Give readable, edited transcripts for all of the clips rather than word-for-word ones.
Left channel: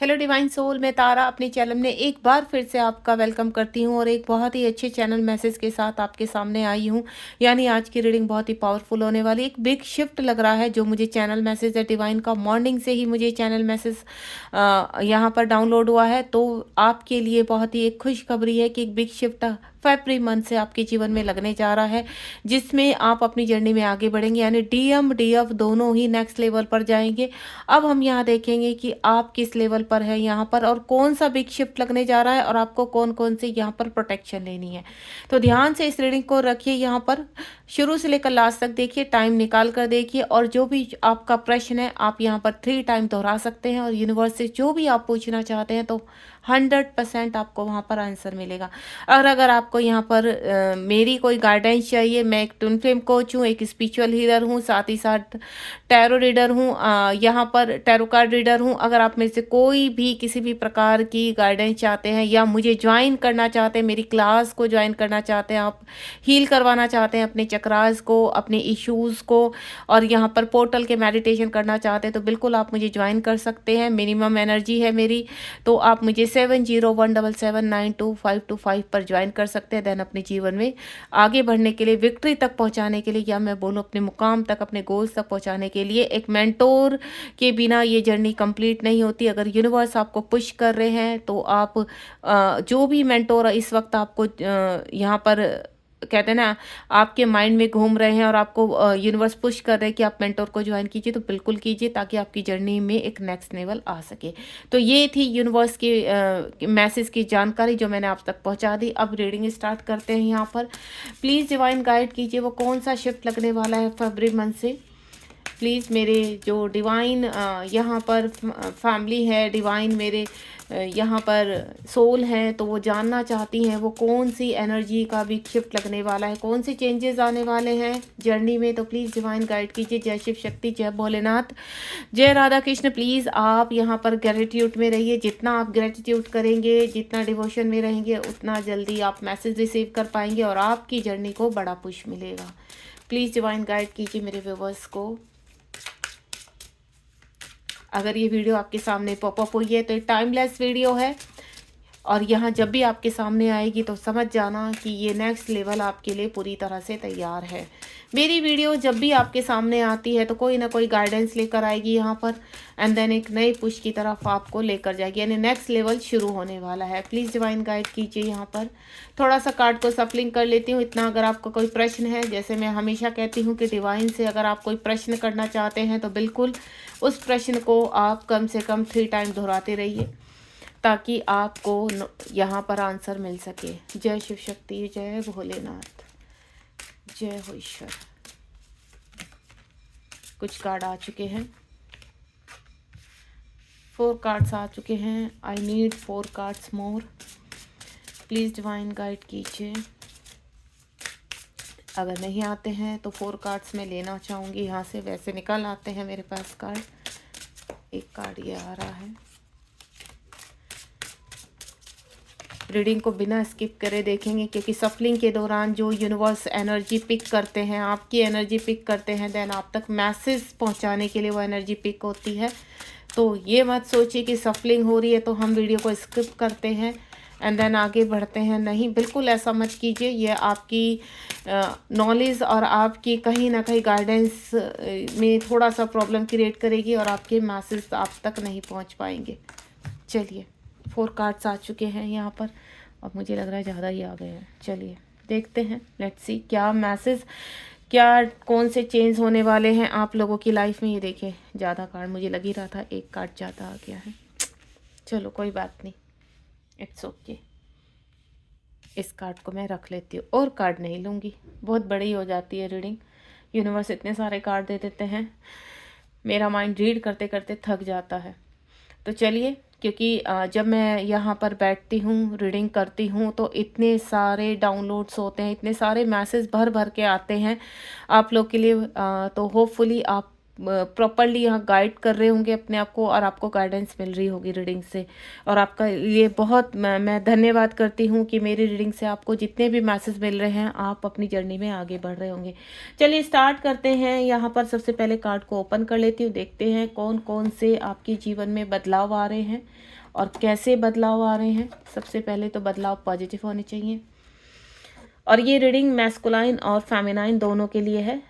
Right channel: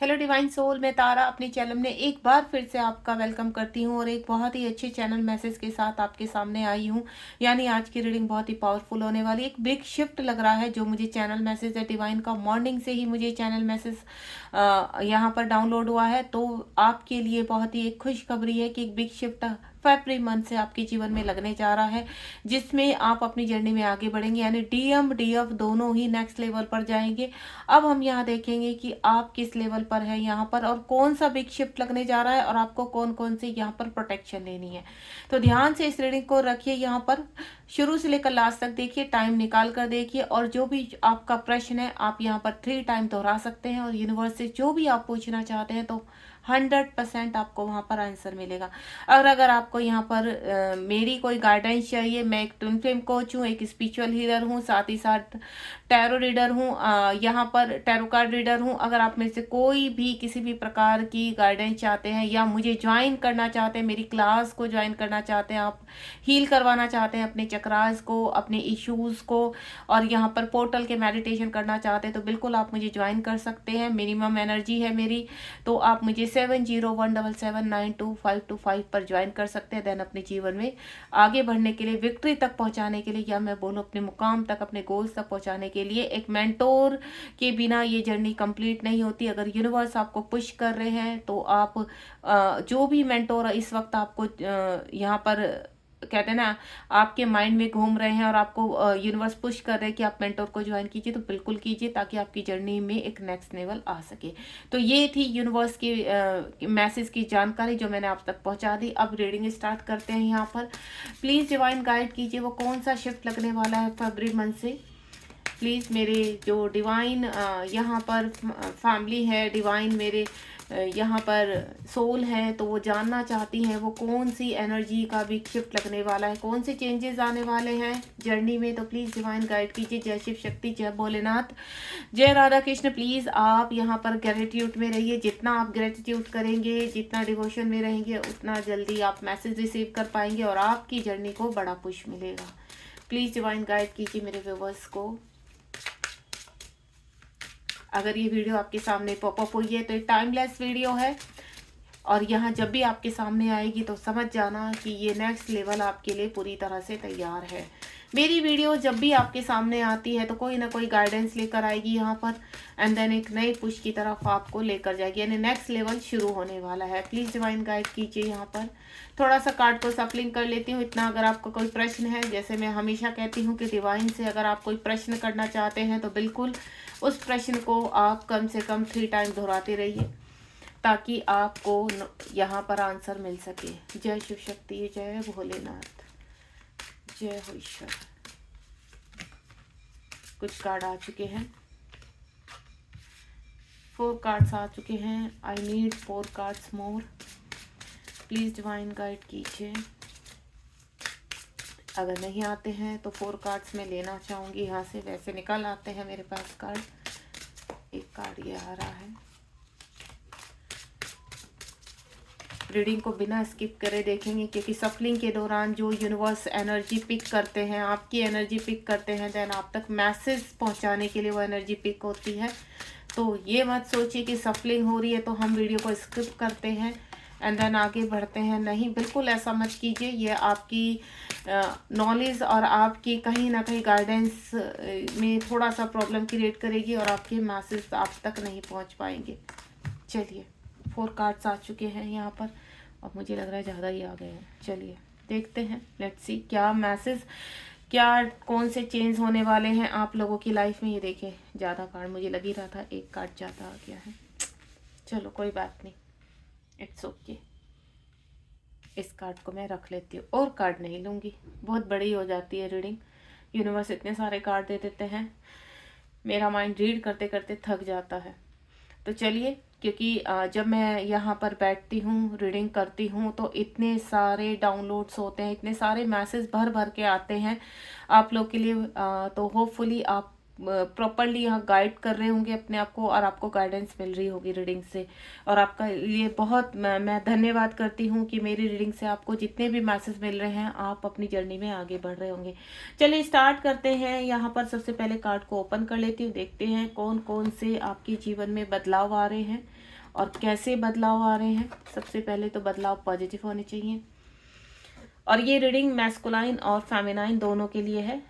Hello divine soul, मैं तारा अपने channel में एक बार फिर से आपका वेलकम करती हूँ और एक बहुत ही अच्छे चैनल मैसेज के साथ आपके सामने आई हूँ। यानी आज की रीडिंग बहुत ही पावरफुल होने वाली। एक बिग शिफ्ट लग रहा है जो मुझे चैनल मैसेज है डिवाइन का। मॉर्निंग से ही मुझे चैनल मैसेज यहाँ पर डाउनलोड हुआ है, तो आपके लिए बहुत ही एक खुशखबरी है कि एक बिग शिफ्ट फरवरी मंथ से आपके जीवन में लगने जा रहा है, जिसमें आप अपनी जर्नी में आगे बढ़ेंगे। यानी डीएम डीएफ दोनों ही नेक्स्ट लेवल पर जाएंगे। अब हम यहाँ देखेंगे कि आप किस लेवल पर है यहाँ पर और कौन सा बिग शिफ्ट लगने जा रहा है और आपको कौन कौन से यहाँ पर प्रोटेक्शन लेनी है। तो ध्यान से इस रीडिंग को रखिए, यहाँ पर शुरू से लेकर लास्ट तक देखिए, टाइम निकाल कर देखिए और जो भी आपका प्रश्न है आप यहाँ पर 3 टाइम दोहरा सकते हैं और यूनिवर्स से जो भी आप पूछना चाहते हैं तो 100% आपको वहाँ पर आंसर मिलेगा। और अगर आपको यहाँ पर मेरी कोई गाइडेंस चाहिए, मैं एक ट्विन फ्लेम कोच हूँ, एक स्पिरिचुअल हीलर हूँ, साथ ही साथ टैरो रीडर हूँ, यहाँ पर टैरो कार्ड रीडर हूँ। अगर आप मेरे से कोई भी किसी भी प्रकार की गाइडेंस चाहते हैं या मुझे ज्वाइन करना चाहते हैं, मेरी क्लास को ज्वाइन करना चाहते हैं, आप हील करवाना चाहते हैं अपने चक्रास को, अपने इश्यूज़ को, और यहाँ पर पोर्टल के मेडिटेशन करना चाहते हैं, तो बिल्कुल आप मुझे ज्वाइन कर सकते हैं। मिनिमम एनर्जी है मेरी, तो आप मुझे 7017792525 पर ज्वाइन कर सकते हैं। देन अपने जीवन में आगे बढ़ने के लिए, विक्ट्री तक पहुंचाने के लिए, या मैं बोलूँ अपने मुकाम तक, अपने गोल्स तक पहुंचाने के लिए, एक मेंटोर के बिना ये जर्नी कंप्लीट नहीं होती। अगर यूनिवर्स आपको पुश कर रहे हैं तो आप जो भी मेंटोर इस वक्त आपको यहाँ पर कहते हैं ना, आपके माइंड में घूम रहे हैं और आपको यूनिवर्स पुश कर रहे हैं कि आप मेंटोर को ज्वाइन कीजिए, तो बिल्कुल कीजिए ताकि आपकी जर्नी में एक नेक्स्ट लेवल आ सके। तो ये थी यूनिवर्स की मैसेज की जानकारी जो मैंने आप तक पहुंचा दी। अब रीडिंग स्टार्ट करते हैं। यहाँ पर प्लीज़ डिवाइन गाइड कीजिए वो कौन सा शिफ्ट लगने वाला है फरवरी मंथ से। प्लीज़ मेरे जो डिवाइन यहाँ पर फैमिली है, डिवाइन मेरे यहाँ पर सोल हैं, तो वो जानना चाहती हैं वो कौन सी एनर्जी का भी शिफ्ट लगने वाला है, कौन से चेंजेस आने वाले हैं जर्नी में। तो प्लीज़ डिवाइन गाइड कीजिए। जय शिव शक्ति, जय भोलेनाथ, जय राधा कृष्ण। प्लीज़ आप यहाँ पर ग्रेटिट्यूड में रहिए। जितना आप ग्रेटिट्यूड करेंगे, जितना डिवोशन में रहेंगे, उतना जल्दी आप मैसेज रिसीव कर पाएंगे और आपकी जर्नी को बड़ा पुश मिलेगा। प्लीज़ डिवाइन गाइड कीजिए मेरे व्यूवर्स को। अगर ये वीडियो आपके सामने पॉपअप हुई है तो एक टाइमलेस वीडियो है, और यहाँ जब भी आपके सामने आएगी तो समझ जाना कि ये नेक्स्ट लेवल आपके लिए पूरी तरह से तैयार है। मेरी वीडियो जब भी आपके सामने आती है तो कोई ना कोई गाइडेंस लेकर आएगी यहाँ पर, एंड देन एक नई पुश की तरफ आपको लेकर जाएगी, यानी नेक्स्ट लेवल शुरू होने वाला है। प्लीज़ डिवाइन गाइड कीजिए। यहाँ पर थोड़ा सा कार्ड को सफलिंग कर लेती हूँ इतना। अगर आपको कोई प्रश्न है, जैसे मैं हमेशा कहती हूँ कि डिवाइन से अगर आप कोई प्रश्न करना चाहते हैं तो बिल्कुल उस प्रश्न को आप कम से कम 3 टाइम दोहराते रहिए ताकि आपको यहाँ पर आंसर मिल सके। जय शिव शक्ति, जय भोलेनाथ, जय हो ईश्वर। कुछ कार्ड आ चुके हैं, 4 कार्ड्स आ चुके हैं। I need 4 cards more. Please divine guide कीजिए। अगर नहीं आते हैं तो 4 कार्ड्स में लेना चाहूँगी यहाँ से। वैसे निकल आते हैं मेरे पास कार्ड। एक कार्ड ये आ रहा है। रीडिंग को बिना स्किप करे देखेंगे, क्योंकि सफलिंग के दौरान जो यूनिवर्स एनर्जी पिक करते हैं, आपकी एनर्जी पिक करते हैं, देन आप तक मैसेज पहुंचाने के लिए वो एनर्जी पिक होती है। तो ये मत सोचिए कि सफलिंग हो रही है तो हम वीडियो को स्किप करते हैं एंड देन आगे बढ़ते हैं। नहीं, बिल्कुल ऐसा मत कीजिए। ये आपकी नॉलेज और आपकी कहीं ना कहीं गाइडेंस में थोड़ा सा प्रॉब्लम क्रिएट करेगी और आपके मैसेज आप तक नहीं पहुंच पाएंगे। चलिए, 4 कार्ड्स आ चुके हैं यहाँ पर। अब मुझे लग रहा है ज़्यादा ही आ गए हैं। चलिए देखते हैं, लेट्स सी क्या मैसेज, क्या कौन से चेंज होने वाले हैं आप लोगों की लाइफ में। ये देखिए, ज़्यादा कार्ड मुझे लग ही रहा था, एक कार्ड ज़्यादा आ गया है। चलो कोई बात नहीं, इट्स ओके। इस कार्ड को मैं रख लेती हूँ और कार्ड नहीं लूँगी, बहुत बड़ी हो जाती है रीडिंग। यूनिवर्स इतने सारे कार्ड दे देते हैं, मेरा माइंड रीड करते करते थक जाता है। तो चलिए, क्योंकि जब मैं यहाँ पर बैठती हूँ, रीडिंग करती हूँ, तो इतने सारे डाउनलोड्स होते हैं, इतने सारे मैसेज भर भर के आते हैं आप लोग के लिए। तो होपफुली आप प्रॉपरली यहाँ गाइड कर रहे होंगे अपने आप को और आपको गाइडेंस मिल रही होगी रीडिंग से। और आपका ये बहुत मैं धन्यवाद करती हूँ कि मेरी रीडिंग से आपको जितने भी मैसेज मिल रहे हैं आप अपनी जर्नी में आगे बढ़ रहे होंगे। चलिए स्टार्ट करते हैं। यहाँ पर सबसे पहले कार्ड को ओपन कर लेती हूँ, देखते हैं कौन कौन से आपके जीवन में बदलाव आ रहे हैं और कैसे बदलाव आ रहे हैं। सबसे पहले तो बदलाव पॉजिटिव होने चाहिए। और ये रीडिंग मैस्कुलाइन और फेमिनाइन दोनों के लिए है।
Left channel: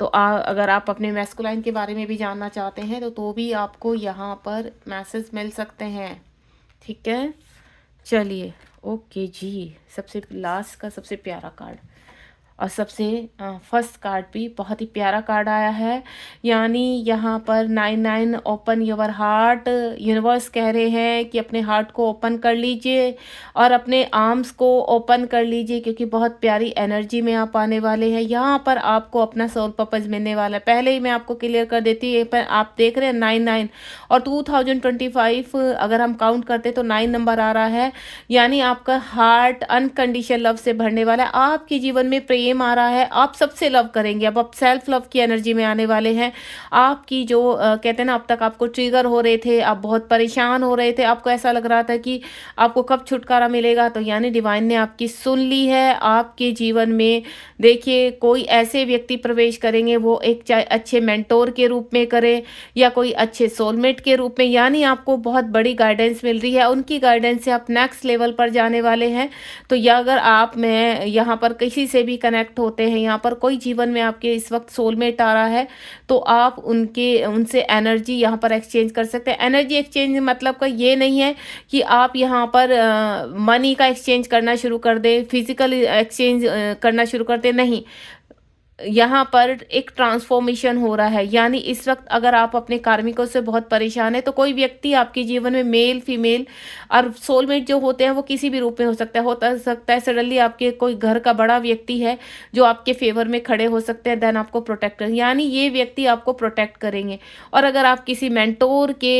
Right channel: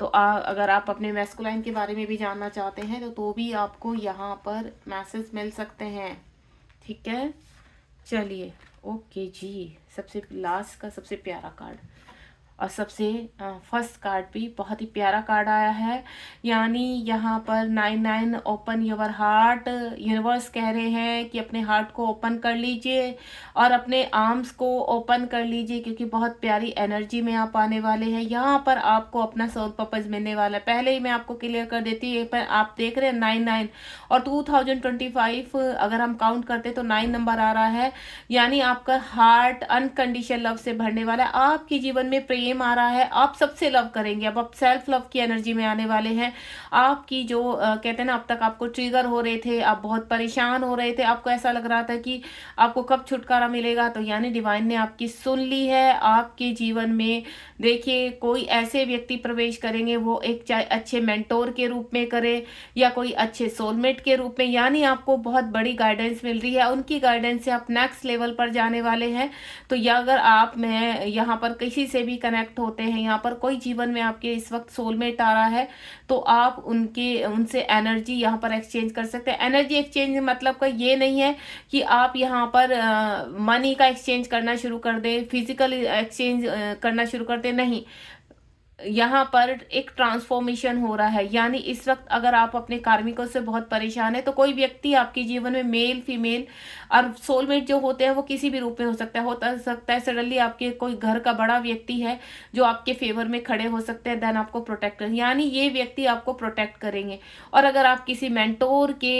तो अगर आप अपने मैस्कुलाइन के बारे में भी जानना चाहते हैं तो भी आपको यहाँ पर मैसेज मिल सकते हैं। ठीक है, चलिए ओके जी। सबसे लास्ट का सबसे प्यारा कार्ड और सबसे फर्स्ट कार्ड भी बहुत ही प्यारा कार्ड आया है। यानी यहाँ पर 99 ओपन योर हार्ट। यूनिवर्स कह रहे हैं कि अपने हार्ट को ओपन कर लीजिए और अपने आर्म्स को ओपन कर लीजिए, क्योंकि बहुत प्यारी एनर्जी में आप आने वाले हैं। यहाँ पर आपको अपना सोल पर्पस मिलने वाला है। पहले ही मैं आपको क्लियर कर देती हूँ, पर आप देख रहे हैं 99 और 2025 अगर हम काउंट करते तो 9 नंबर आ रहा है। यानी आपका हार्ट अनकंडीशन लव से भरने वाला है। आपके जीवन में प्रेम आ रहा है, आप सबसे लव करेंगे। अब आप सेल्फ लव की एनर्जी में आने वाले हैं। आपकी जो कहते हैं ना, अब तक आपको ट्रिगर हो रहे थे, आप बहुत परेशान हो रहे थे, आपको ऐसा लग रहा था कि आपको कब छुटकारा मिलेगा, तो यानी डिवाइन ने आपकी सुन ली है। आपके जीवन में देखिए कोई ऐसे व्यक्ति प्रवेश करेंगे, वो एक चाहे अच्छे मेंटोर के रूप में करे या कोई अच्छे सोलमेट के रूप में। यानी आपको बहुत बड़ी गाइडेंस मिल रही है, उनकी गाइडेंस से आप नेक्स्ट लेवल पर जाने वाले हैं। तो या अगर आप में यहाँ पर किसी से भी कनेक्ट होते हैं, यहाँ पर कोई जीवन में आपके इस वक्त सोलमेट आ रहा है, तो आप उनसे एनर्जी यहाँ पर एक्सचेंज कर सकते हैं। एनर्जी एक्सचेंज मतलब का ये नहीं है कि आप यहाँ पर मनी का एक्सचेंज करना शुरू कर दें, फिजिकल एक्सचेंज करना शुरू कर दें, नहीं। यहाँ पर एक ट्रांसफॉर्मेशन हो रहा है। यानी इस वक्त अगर आप अपने कार्मिकों से बहुत परेशान है, तो कोई व्यक्ति आपके जीवन में मेल फीमेल और सोलमेट जो होते हैं वो किसी भी रूप में हो सकता है सडनली आपके कोई घर का बड़ा व्यक्ति है जो आपके फेवर में खड़े हो सकते हैं, देन आपको प्रोटेक्ट करेंगे। यानी ये व्यक्ति आपको प्रोटेक्ट करेंगे। और अगर आप किसी मेंटोर के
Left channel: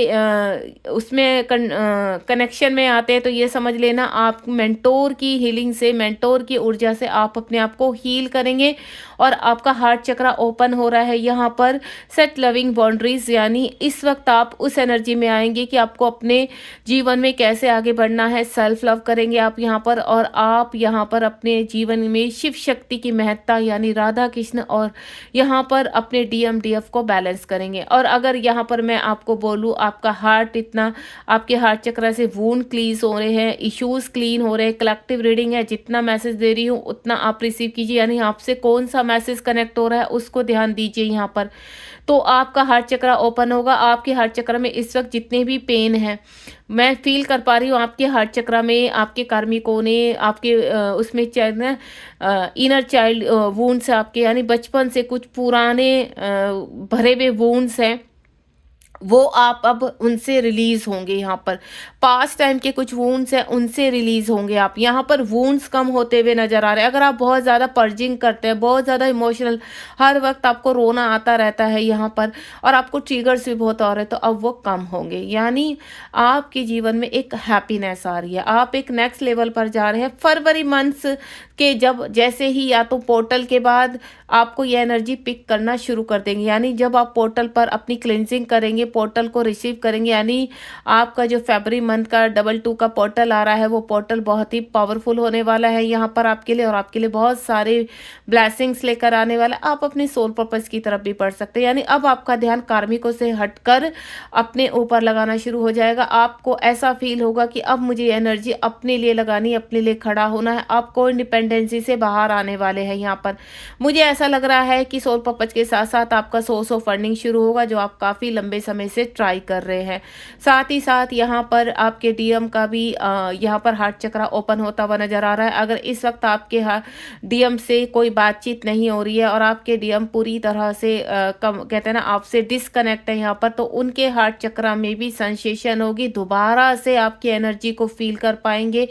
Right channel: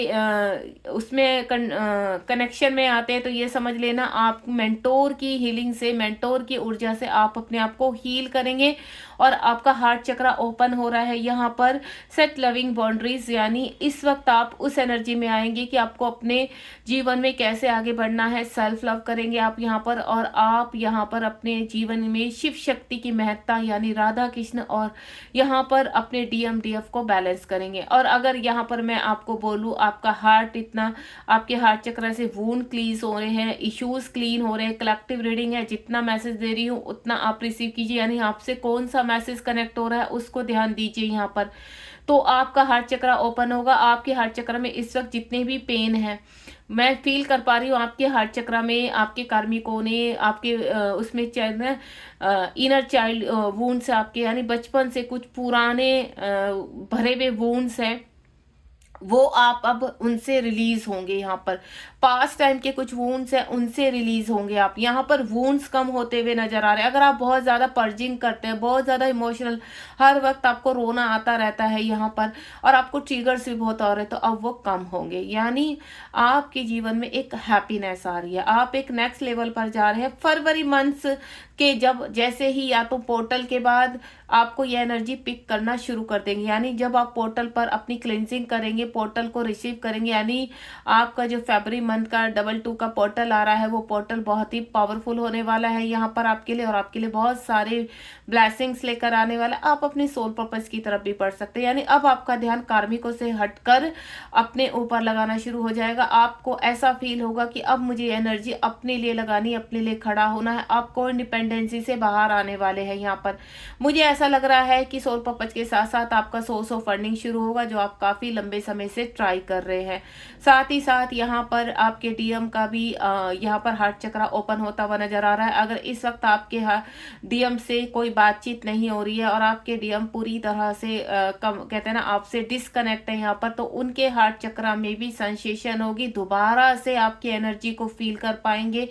उसमें कनेक्शन में आते हैं, तो ये समझ लेना आप मेंटोर की हीलिंग से, मेंटोर की ऊर्जा से आप अपने आप को हील करेंगे और आपका हार्ट चक्रा ओपन हो रहा है। यहाँ पर सेट लविंग बाउंड्रीज, यानी इस वक्त आप उस एनर्जी में आएंगे कि आपको अपने जीवन में कैसे आगे बढ़ना है। सेल्फ लव करेंगे आप यहाँ पर, और आप यहाँ पर अपने जीवन में शिव शक्ति की महत्ता यानी राधा कृष्ण और यहाँ पर अपने DMDF को बैलेंस करेंगे। और अगर यहाँ पर मैं आपको बोलूँ, आपका हार्ट इतना, आपके हार्ट चक्रा से वूंड क्लीज हो रहे हैं, इश्यूज क्लीन हो रहे हैं। कलेक्टिव रीडिंग है, जितना मैसेज दे रही हूँ उतना आप रिसीव कीजिए। यानी आपसे कौन सा मैसेज कनेक्ट हो रहा है उसको ध्यान दीजिए यहाँ पर। तो आपका हार्ट चक्रा ओपन होगा। आपके हार्ट चक्र में इस वक्त जितने भी पेन है, मैं फील कर पा रही हूँ आपके हार्ट चक्र में, आपके कार्मिकों ने आपके उसमें इनर चाइल्ड वुंड्स आपके, यानी बचपन से कुछ पुराने भरे हुए वुंड्स हैं, वो आप अब उनसे रिलीज होंगे। यहाँ पर पास्ट टाइम के कुछ वूंड्स हैं, उनसे रिलीज होंगे आप। यहाँ पर वूंड्स कम होते हुए नजर आ रहे हैं। अगर आप बहुत ज़्यादा पर्जिंग करते हैं, बहुत ज़्यादा इमोशनल, हर वक्त आपको रोना आता रहता है यहाँ पर, और आपको ट्रिगर्स भी बहुत आ रहे हैं, तो अब वो कम होंगे। यानी आपके जीवन में एक हैप्पीनेस आ रही है, आप एक नेक्स्ट लेवल पर जा रहे हैं। फरवरी मंथ्स के जब जैसे ही या तो पोर्टल के बाद आपको ये एनर्जी पिक करना शुरू कर देंगे। यानी जब आप पोर्टल पर अपनी क्लिनजिंग करेंगे, पोर्टल को रिसीव करेंगे, यानी आपका जो फरवरी मंथ का 22 का पोर्टल आ रहा है, वो पोर्टल बहुत ही पावरफुल होने वाला है यहाँ पर आपके लिए, और आपके लिए बहुत सारे ब्लेसिंग्स लेकर आने वाला। आप अपने सोल पर्पस की तरफ भी बढ़ सकते हैं। यानी अब आपका ध्यान कार्मिकों से हटकर अपने ऊपर लगाना शुरू हो जाएगा। आपको ऐसा फील होगा कि अब मुझे एनर्जी अपने लिए लगानी, अपने लिए खड़ा होना है। आपको इंडिपेंडेंसी से बाहर आने वाले हैं यहाँ पर। मुझे ऐसा लग रहा है कि सोल पर्पस के साथ साथ आपका सोर्स ऑफ फंडिंग शुरू होगा, जो आप काफ़ी लंबे समय से ट्राई कर रहे हैं। साथ ही साथ यहाँ पर आपके डीएम का भी यहाँ पर हार्ट चक्रा ओपन होता हुआ नजर आ रहा है। अगर इस वक्त आपके डीएम से कोई बातचीत नहीं हो रही है और आपके डीएम पूरी तरह से कहते हैं ना आपसे डिस्कनेक्ट है यहाँ पर, तो उनके हार्ट चक्रा में भी सेंसेशन होगी, दोबारा से आपकी एनर्जी को फील कर पाएंगे।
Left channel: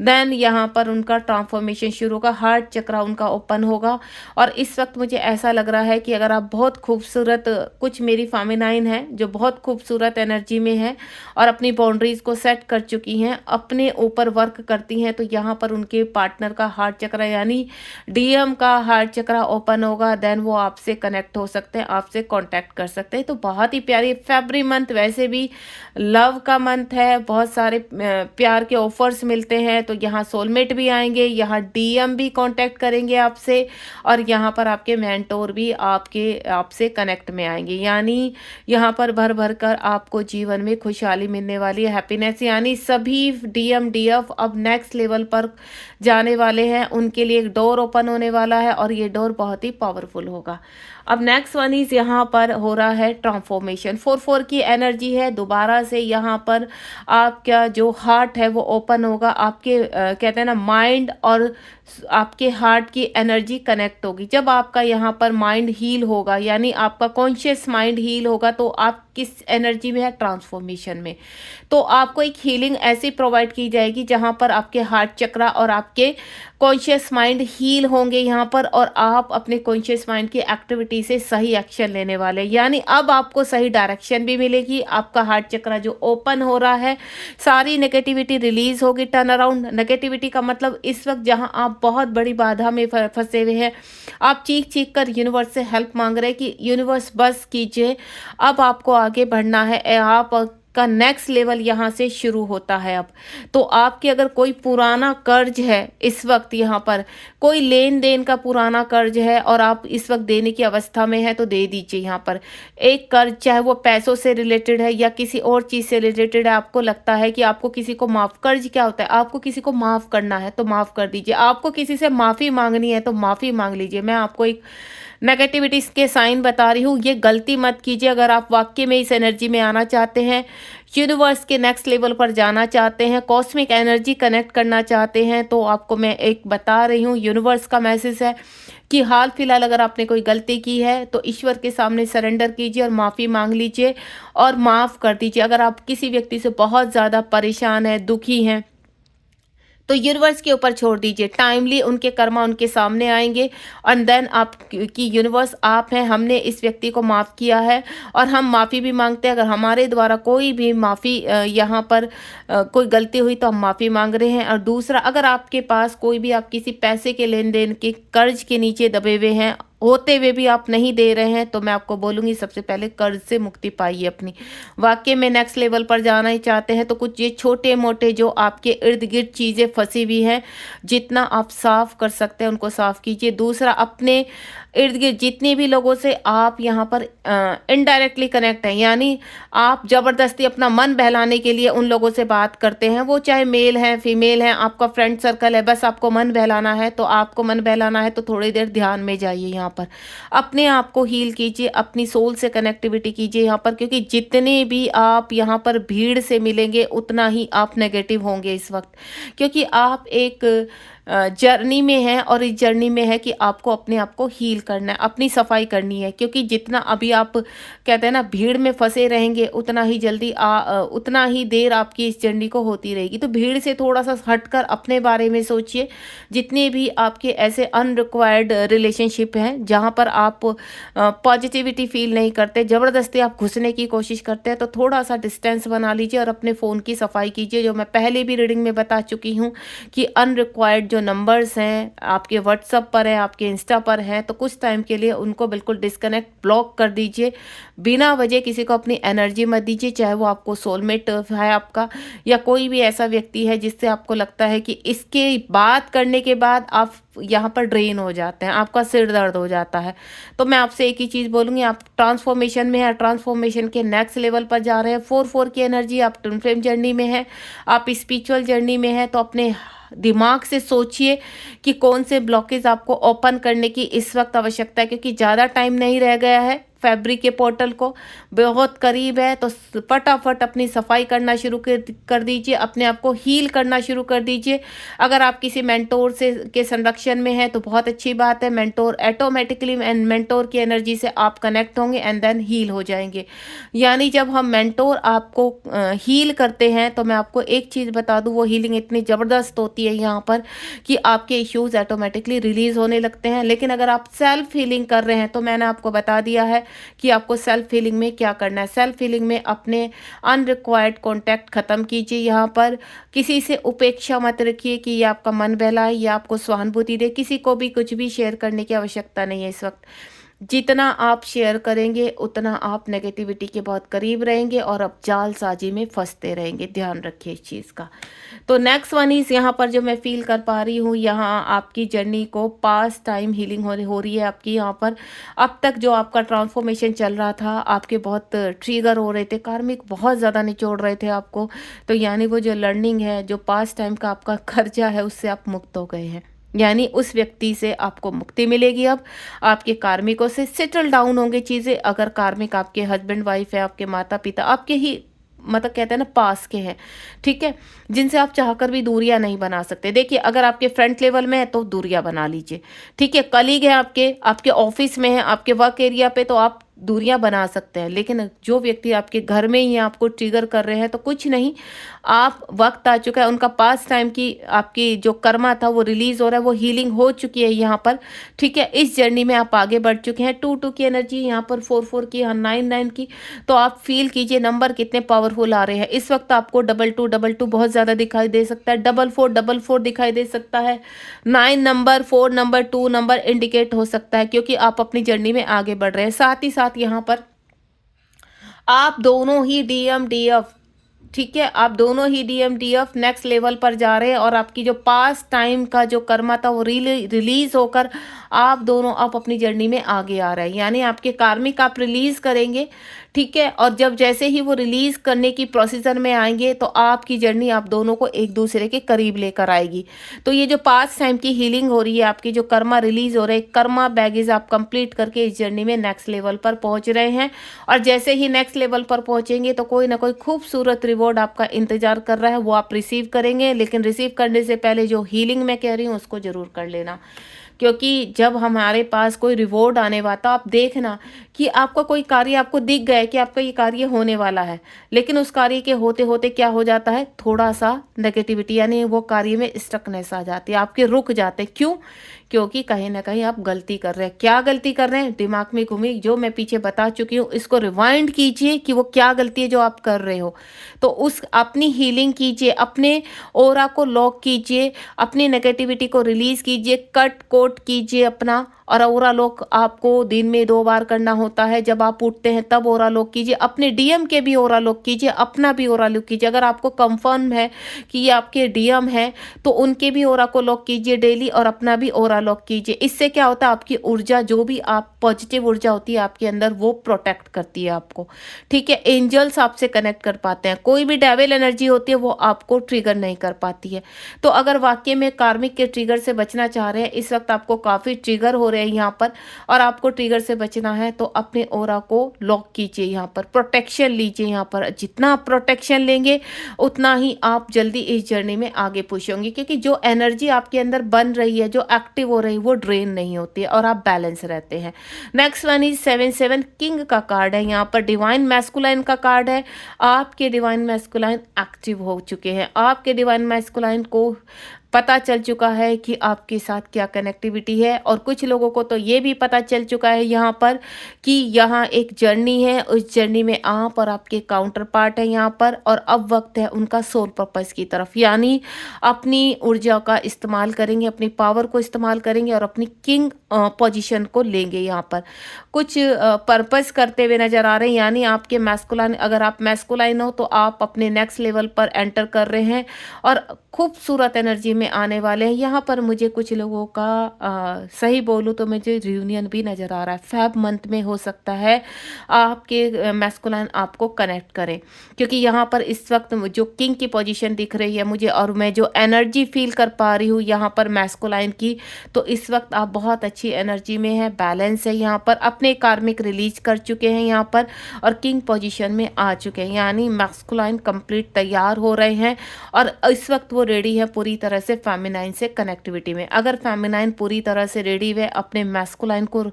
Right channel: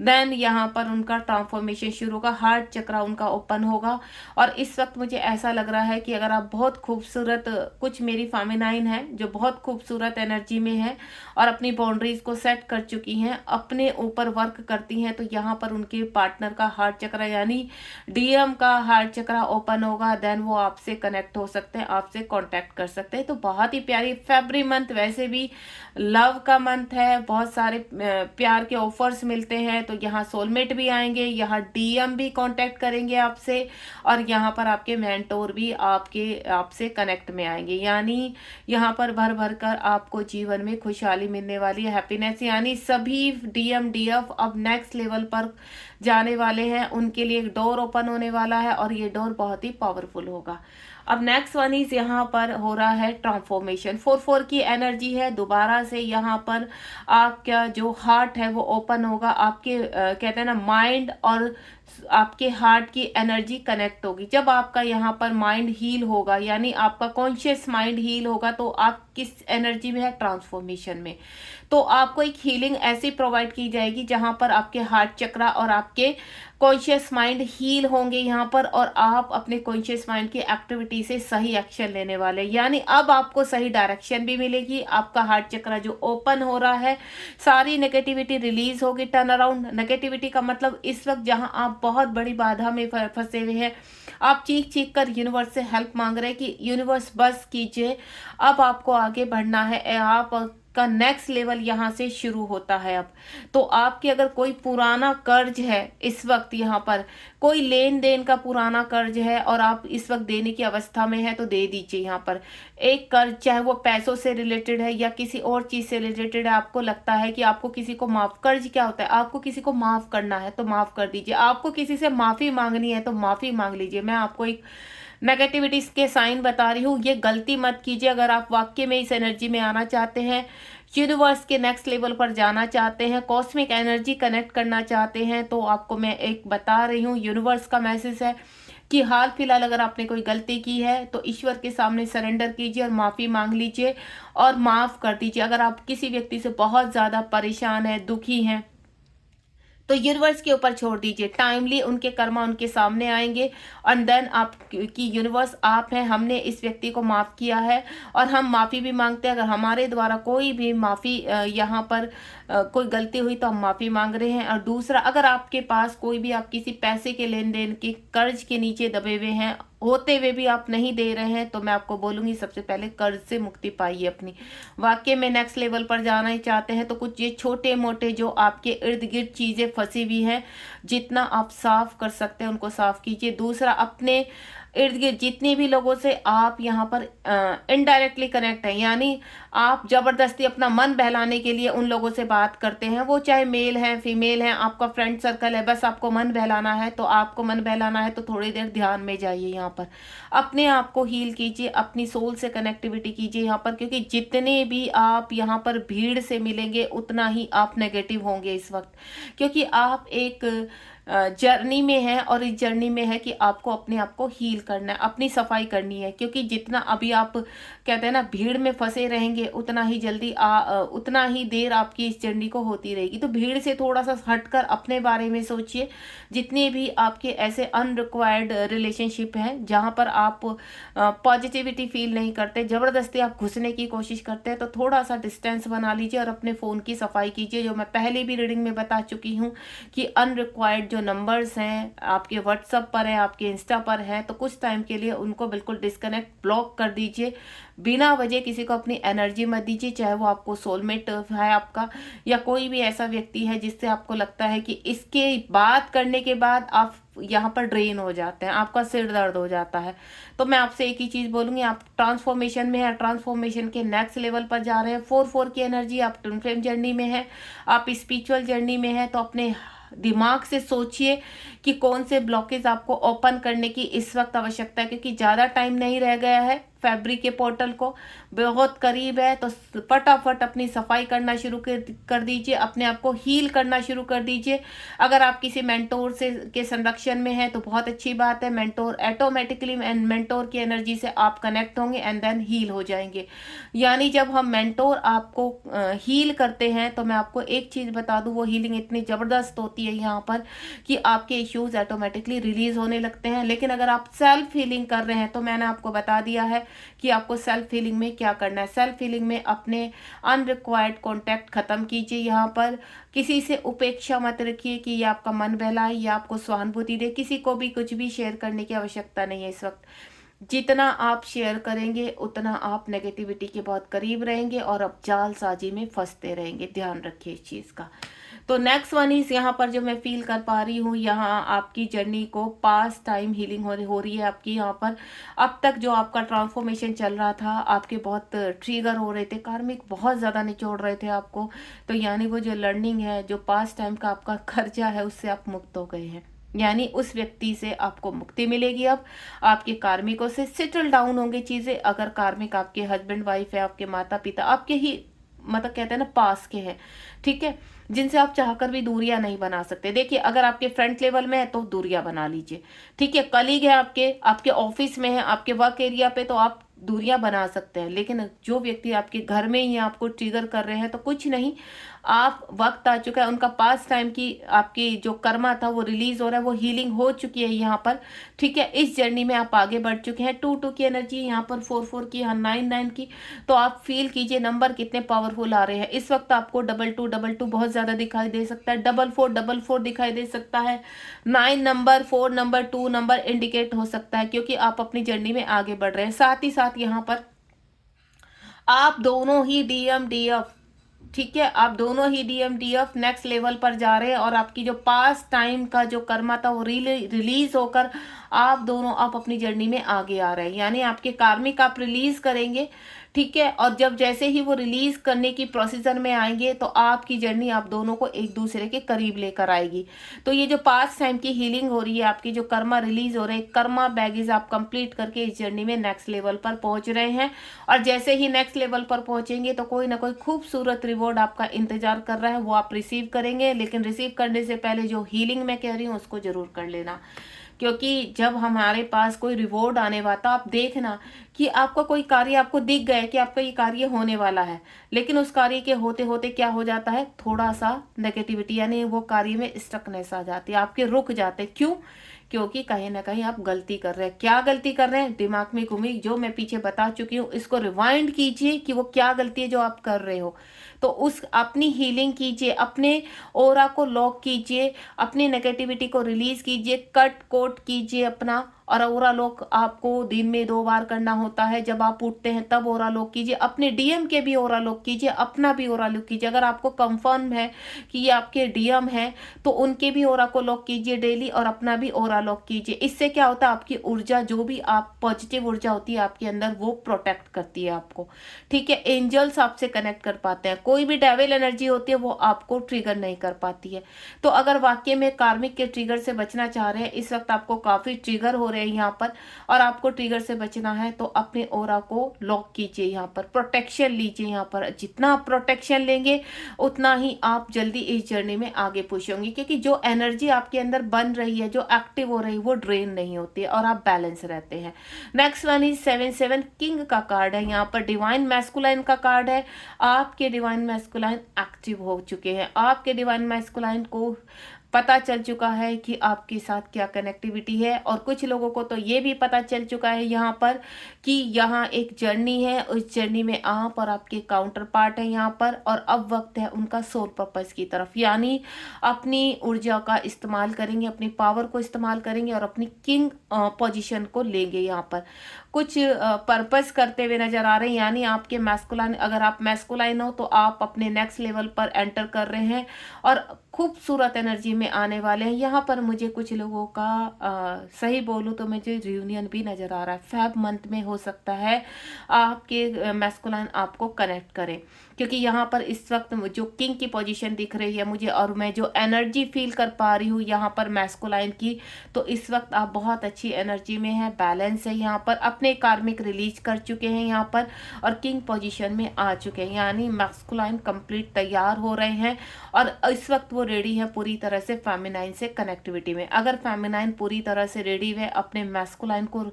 देन यहाँ पर उनका ट्रांसफॉर्मेशन शुरू होगा, हार्ट चक्रा उनका ओपन होगा। और इस वक्त मुझे ऐसा लग रहा है कि अगर आप बहुत खूबसूरत, कुछ मेरी फेमिनाइन है जो बहुत खूबसूरत एनर्जी में है और अपनी बाउंड्रीज़ को सेट कर चुकी हैं, अपने ऊपर वर्क करती हैं, तो यहाँ पर उनके पार्टनर का हार्ट चक्र यानी डीएम का हार्ट चक्र ओपन होगा, देन वो आपसे कनेक्ट हो सकते हैं, आपसे कांटेक्ट कर सकते हैं। तो बहुत ही प्यारी फरवरी मंथ वैसे भी लव का मंथ है, बहुत सारे प्यार के ऑफर्स मिलते हैं, तो यहाँ सोलमेट भी आएंगे, यहाँ डीएम भी कांटेक्ट करेंगे आपसे और यहाँ पर आपके मेंटोर भी आपसे कनेक्ट में आएंगे। यानी यहाँ पर भर भर कर आपको जीवन में खुशहाली मिलने वाली है, हैप्पीनेस, यानी सभी डीएम डीएफ अब नेक्स्ट लेवल पर जाने वाले हैं, उनके लिए एक डोर ओपन होने वाला है और ये डोर बहुत ही पावरफुल होगा। अब नेक्स्ट वन इज यहाँ पर हो रहा है ट्रांसफॉर्मेशन, 4-4 की एनर्जी है, दोबारा से यहाँ पर आपका जो हार्ट है वो ओपन होगा, आपके कहते हैं ना माइंड और आपके हार्ट की एनर्जी कनेक्ट होगी। जब आपका यहाँ पर माइंड हील होगा यानी आपका कॉन्शियस माइंड हील होगा, तो आप किस एनर्जी में है, ट्रांसफॉर्मेशन में। तो आपको एक हीलिंग ऐसी प्रोवाइड की जाएगी जहां पर आपके हार्ट चक्र और आपके कॉन्शियस माइंड हील होंगे यहाँ पर, और आप अपने कॉन्शियस माइंड की एक्टिविटी से सही एक्शन लेने वाले, यानी अब आपको सही डायरेक्शन भी मिलेगी। आपका हार्ट चक्र जो ओपन हो रहा है, सारी नेगेटिविटी रिलीज होगी, टर्न अराउंड। नेगेटिविटी का मतलब इस वक्त जहां आप बहुत बड़ी बाधा में फंसे हुए हैं, आप चीख चीख कर यूनिवर्स से हेल्प मांग रहे हैं कि यूनिवर्स बस कीजिए, अब आपको आगे बढ़ना है, आप का नेक्स्ट लेवल यहाँ से शुरू होता है। अब तो आपके अगर कोई पुराना कर्ज है, इस वक्त यहाँ पर कोई लेन देन का पुराना कर्ज है और आप इस वक्त देने की अवस्था में है, तो दे दीजिए। यहाँ पर एक कर्ज, चाहे वो पैसों से रिलेटेड है या किसी और चीज़ से रिलेटेड है, आपको लगता है कि आपको किसी को माफ़, कर्ज क्या होता है, आपको किसी को माफ़ करना है तो माफ़ कर दीजिए, आपको किसी से माफ़ी मांगनी है तो माफ़ी मांग लीजिए। मैं आपको एक नेगेटिविटीज के साइन बता रही हूँ, ये गलती मत कीजिए। अगर आप वाकई में इस एनर्जी में आना चाहते हैं, यूनिवर्स के नेक्स्ट लेवल पर जाना चाहते हैं, कॉस्मिक एनर्जी कनेक्ट करना चाहते हैं, तो आपको मैं एक बता रही हूँ, यूनिवर्स का मैसेज है कि हाल फिलहाल अगर आपने कोई गलती की है तो ईश्वर के सामने सरेंडर कीजिए और माफ़ी मांग लीजिए और माफ़ कर दीजिए। अगर आप किसी व्यक्ति से बहुत ज़्यादा परेशान हैं, दुखी हैं, तो यूनिवर्स के ऊपर छोड़ दीजिए, टाइमली उनके कर्मा उनके सामने आएंगे। और देन आप कि यूनिवर्स आप हैं, हमने इस व्यक्ति को माफ़ किया है और हम माफ़ी भी मांगते हैं। अगर हमारे द्वारा कोई भी माफ़ी यहाँ पर कोई गलती हुई तो हम माफ़ी मांग रहे हैं। और दूसरा, अगर आपके पास कोई भी, आप किसी पैसे के लेन देन के कर्ज के नीचे दबे हुए हैं, होते हुए भी आप नहीं दे रहे हैं, तो मैं आपको बोलूँगी सबसे पहले कर्ज से मुक्ति पाइए अपनी। वाकई में नेक्स्ट लेवल पर जाना ही चाहते हैं तो कुछ ये छोटे मोटे जो आपके इर्द गिर्द चीज़ें फंसी हुई हैं, जितना आप साफ़ कर सकते हैं उनको साफ़ कीजिए। दूसरा, अपने इर्द गिर्द जितने भी लोगों से आप यहाँ पर इनडायरेक्टली कनेक्ट हैं, यानी आप ज़बरदस्ती अपना मन बहलाने के लिए उन लोगों से बात करते हैं, वो चाहे मेल हैं फीमेल हैं, आपका फ्रेंड सर्कल है, बस आपको मन बहलाना है, तो आपको मन बहलाना है तो थोड़ी देर ध्यान में जाइए। यहाँ पर अपने आप को हील कीजिए, अपनी सोल से कनेक्टिविटी कीजिए यहाँ पर, क्योंकि जितने भी आप यहाँ पर भीड़ से मिलेंगे उतना ही आप नेगेटिव होंगे इस वक्त, क्योंकि आप एक जर्नी में है और इस जर्नी में है कि आपको अपने आप को हील करना है, अपनी सफाई करनी है। क्योंकि जितना अभी आप कहते हैं ना भीड़ में फंसे रहेंगे, उतना ही जल्दी उतना ही देर आपकी इस जर्नी को होती रहेगी। तो भीड़ से थोड़ा सा हटकर अपने बारे में सोचिए। जितने भी आपके ऐसे अनरिक्वायर्ड रिलेशनशिप हैं जहाँ पर आप पॉजिटिविटी फील नहीं करते, ज़बरदस्ती आप घुसने की कोशिश करते हैं, तो थोड़ा सा डिस्टेंस बना लीजिए और अपने फ़ोन की सफाई कीजिए। जो मैं पहले भी रीडिंग में बता चुकी हूँ कि अनरिक्वायर्ड जो नंबर्स हैं आपके व्हाट्सएप पर है, आपके इंस्टा पर है, तो कुछ टाइम के लिए उनको बिल्कुल डिस्कनेक्ट, ब्लॉक कर दीजिए। बिना वजह किसी को अपनी एनर्जी मत दीजिए, चाहे वो आपको सोलमेट है आपका या कोई भी ऐसा व्यक्ति है जिससे आपको लगता है कि इसके बात करने के बाद आप यहाँ पर ड्रेन हो जाते हैं, आपका सिर दर्द हो जाता है। तो मैं आपसे एक ही चीज़ बोलूँगी, आप ट्रांसफॉर्मेशन में है, ट्रांसफॉर्मेशन के नेक्स्ट लेवल पर जा रहे हैं। 4-4 की एनर्जी, आप ट्विन फ्लेम जर्नी में है, आप स्पिरिचुअल जर्नी में है, तो अपने दिमाग से सोचिए कि कौन से ब्लॉकेज आपको ओपन करने की इस वक्त आवश्यकता है, क्योंकि ज़्यादा टाइम नहीं रह गया है, फरवरी के पोर्टल को बहुत करीब है। तो फटाफट अपनी सफाई करना शुरू कर दीजिए, अपने आप को हील करना शुरू कर दीजिए। अगर आप किसी मेंटोर से के संरक्षण में हैं तो बहुत अच्छी बात है, मेंटोर ऑटोमेटिकली मेंटोर की एनर्जी से आप कनेक्ट होंगे एंड देन हील हो जाएंगे। यानी जब हम मेंटोर आपको हील करते हैं तो मैं आपको एक चीज़ बता दूं, वो हीलिंग इतनी ज़बरदस्त होती है यहाँ पर कि आपके इश्यूज ऑटोमेटिकली रिलीज होने लगते हैं। लेकिन अगर आप सेल्फ हीलिंग कर रहे हैं तो मैंने आपको बता दिया है कि आपको सेल्फ हीलिंग में क्या करना है। सेल्फ हीलिंग में अपने अनरिक्वायर्ड कॉन्टैक्ट ख़त्म कीजिए। यहाँ पर किसी से उपेक्षा मत रखिए कि ये आपका मन बहलाए या आपको सहानुभूति दे। किसी को भी कुछ भी शेयर करने की आवश्यकता नहीं है इस वक्त। जितना आप शेयर करेंगे उतना आप नेगेटिविटी के बहुत करीब रहेंगे और आप जालसाजी में फंसते रहेंगे। ध्यान रखिए इस चीज़ का। तो नेक्स्ट वन इज यहाँ पर जो मैं फील कर पा रही हूँ, यहाँ आपकी जर्नी को पास टाइम हीलिंग हो रही है आपकी। यहाँ पर अब तक जो आपका ट्रांसफॉर्मेशन चल रहा था, आपके बहुत ट्रिगर हो रहे थे, कार्मिक बहुत ज़्यादा निचोड़ रहे थे आपको। तो यानी वो जो लर्निंग है, जो पास टाइम का आपका कर्जा है, उससे आप मुक्त हो गए हैं। यानी उस व्यक्ति से आपको मुक्ति मिलेगी। अब आपके कार्मिकों से सेटल डाउन होंगे चीज़ें। अगर कार्मिक आपके हस्बैंड वाइफ है, आपके माता पिता, आपके ही मतलब कहते हैं ना पास के हैं, ठीक है, जिनसे आप चाहकर भी दूरियां नहीं बना सकते। देखिए, अगर आपके फ्रंट लेवल में है तो दूरियां बना लीजिए, ठीक है। कलीग है आपके ऑफिस में है, आपके वर्क एरिया पे, तो आप दूरियां बना सकते हैं। लेकिन जो व्यक्ति आपके घर में ही आपको ट्रिगर कर रहे हैं, तो कुछ नहीं, आप वक्त आ चुका है उनका पास टाइम की, आपकी जो कर्मा था वो रिलीज हो रहा है, वो हीलिंग हो चुकी है यहाँ पर, ठीक है। इस जर्नी में आप आगे बढ़ चुके हैं। 2 की एनर्जी यहाँ पर, 4 की, यहाँ 9 की। तो आप फील कीजिए नंबर कितने पावरफुल आ रहे हैं इस वक्त। आपको 22 बहुत ज्यादा दिखाई दे सकता है, 44 दिखाई दे सकता है, 9 नंबर, 4 नंबर, 2 नंबर इंडिकेट हो सकता है, क्योंकि आप अपनी जर्नी में आगे बढ़ रहे हैं। साथ ही साथ यहाँ पर आप दोनों ही DMDF, ठीक है, आप दोनों ही DMDF नेक्स्ट लेवल पर जा रहे हैं। और आपकी जो पास टाइम का जो कर्मा था वो रिलीज होकर आप दोनों आप अपनी जर्नी में आगे आ रहे हैं। यानी आपके कार्मिक आप रिलीज करेंगे, ठीक है। और जब जैसे ही वो रिलीज करने की प्रोसीजर में आएंगे, तो आपकी जर्नी आप दोनों को एक दूसरे के करीब लेकर आएगी। तो ये जो पास टाइम की हीलिंग हो रही है, आपकी जो कर्मा रिलीज हो रहे हैं, कर्मा बैगेज आप कंप्लीट करके इस जर्नी में नेक्स्ट लेवल पर पहुंच रहे हैं। और जैसे ही नेक्स्ट लेवल पर पहुंचेंगे, तो कोई ना कोई खूबसूरत रिवॉर्ड आपका इंतजार कर रहा है, वो आप रिसीव करेंगे। लेकिन रिसीव करने से पहले जो हीलिंग मैं कह रही हूँ उसको जरूर कर लेना, क्योंकि जब हमारे पास कोई रिवॉर्ड आने वाला, तो आप देखना कि आपका कोई कार्य आपको दिख गया है कि आपका ये कार्य होने वाला है, लेकिन उस कार्य के होते होते क्या हो जाता है, थोड़ा सा नेगेटिविटी, यानी वो कार्य में स्टकनेस आ जाती है, आपके रुक जाते। क्यों? क्योंकि कहीं ना कहीं आप गलती कर रहे हैं। क्या गलती कर रहे हैं? दिमाग में घूमी, जो मैं पीछे बता चुकी हूँ, इसको रिवाइंड कीजिए कि वो क्या गलती है जो आप कर रहे हो। तो उस अपनी हीलिंग कीजिए, अपने ओरा को लॉक कीजिए, अपनी नेगेटिविटी को रिलीज कीजिए, कट कोट कीजिए अपना। और ओरा लॉक आपको दिन में 2 बार करना होता है, जब आप उठते हैं तब ओरा लॉक कीजिए, अपने DM के भी ओरा लॉक कीजिए, अपना भी ओरा लॉक कीजिए। अगर आपको कंफर्म है कि ये आपके DM है, तो उनके भी ओरा को लॉक कीजिए डेली, और अपना भी ओरा लॉक कीजिए। इससे क्या होता है, आपकी ऊर्जा, जो भी आप पॉजिटिव ऊर्जा होती है आपके अंदर, वो प्रोटेक्ट करती है आपको, ठीक है। एंजल्स आपसे कनेक्ट कर पाते हैं, कोई भी डेविल एनर्जी होती है वो आपको ट्रिगर नहीं कर पाती है। तो अगर वाकई में कार्मिक के ट्रिगर से बचना चाह रहे हैं, इस वक्त आपको काफी ट्रिगर हो रहे हैं यहाँ पर, और आपको ट्रिगर से बचना है, तो अपने ओरा को लॉक कीजिए, यहाँ पर प्रोटेक्शन लीजिए। यहाँ पर जितना आप प्रोटेक्शन लेंगे, उतना ही आप जल्दी इस जर्नी में आगे पुश होंगे, क्योंकि जो एनर्जी आपके अंदर बन रही है, जो एक्टिव हो रही है, वो ड्रेन नहीं होती है और आप बैलेंस रहते हैं। नेक्स्ट वन इज 7 किंग का कार्ड है। यहाँ पर डिवाइन मैस्कुलाइन का कार्ड है। आपके डिवाइन मैस्कुलाइन एक्टिव हो चुके हैं, आपके डिवाइन मैस्कुलाइन को पता चल चुका है कि आपके साथ क्या कनेक्टिविटी है। और कुछ लोगों को तो ये भी पता चल चुका है यहाँ पर कि यहाँ एक जर्नी है, उस जर्नी में आप और आपके काउंटर पार्ट है यहाँ पर, और अब वक्त है उनका सोल पर्पस की तरफ। यानी अपनी ऊर्जा का इस्तेमाल करेंगे, अपनी पावर को इस्तेमाल करेंगे, और अपनी किंग पोजीशन को लेंगे। यहाँ पर कुछ पर्पस करते हुए नजर आ रहे हैं। यानी आपके मैस्कुलाइन, अगर आप मैस्कुलाइन हो तो आप अपने नेक्स्ट लेवल पर एंटर कर रहे हैं और खूबसूरत एनर्जी में आने वाले हैं। यहाँ पर मुझे कुछ लोगों का सही बोलूँ तो मुझे रियूनियन भी नज़र आ रहा है, फेब मंथ में हो सकता है आपके मैस्कुलाइन आपको कनेक्ट करें, क्योंकि यहाँ पर इस वक्त जो किंग की पोजीशन दिख रही है मुझे, और मैं जो एनर्जी फील कर पा रही हूँ यहाँ पर मैस्कुलाइन की, तो इस वक्त आप बहुत अच्छी एनर्जी में है, बैलेंस है। यहाँ पर अपने कार्मिक रिलीज कर चुके हैं यहाँ पर, और किंग पोजीशन में आ चुके हैं, यानी मैस्कुलाइन कंप्लीट तैयार हो रहे हैं, और इस वक्त वो रेडी है पूरी तरह से फेमिनाइन से कनेक्टिविटी में। अगर फेमिनाइन पूरी तरह से रेडी है अपने मैस्कुलाइन को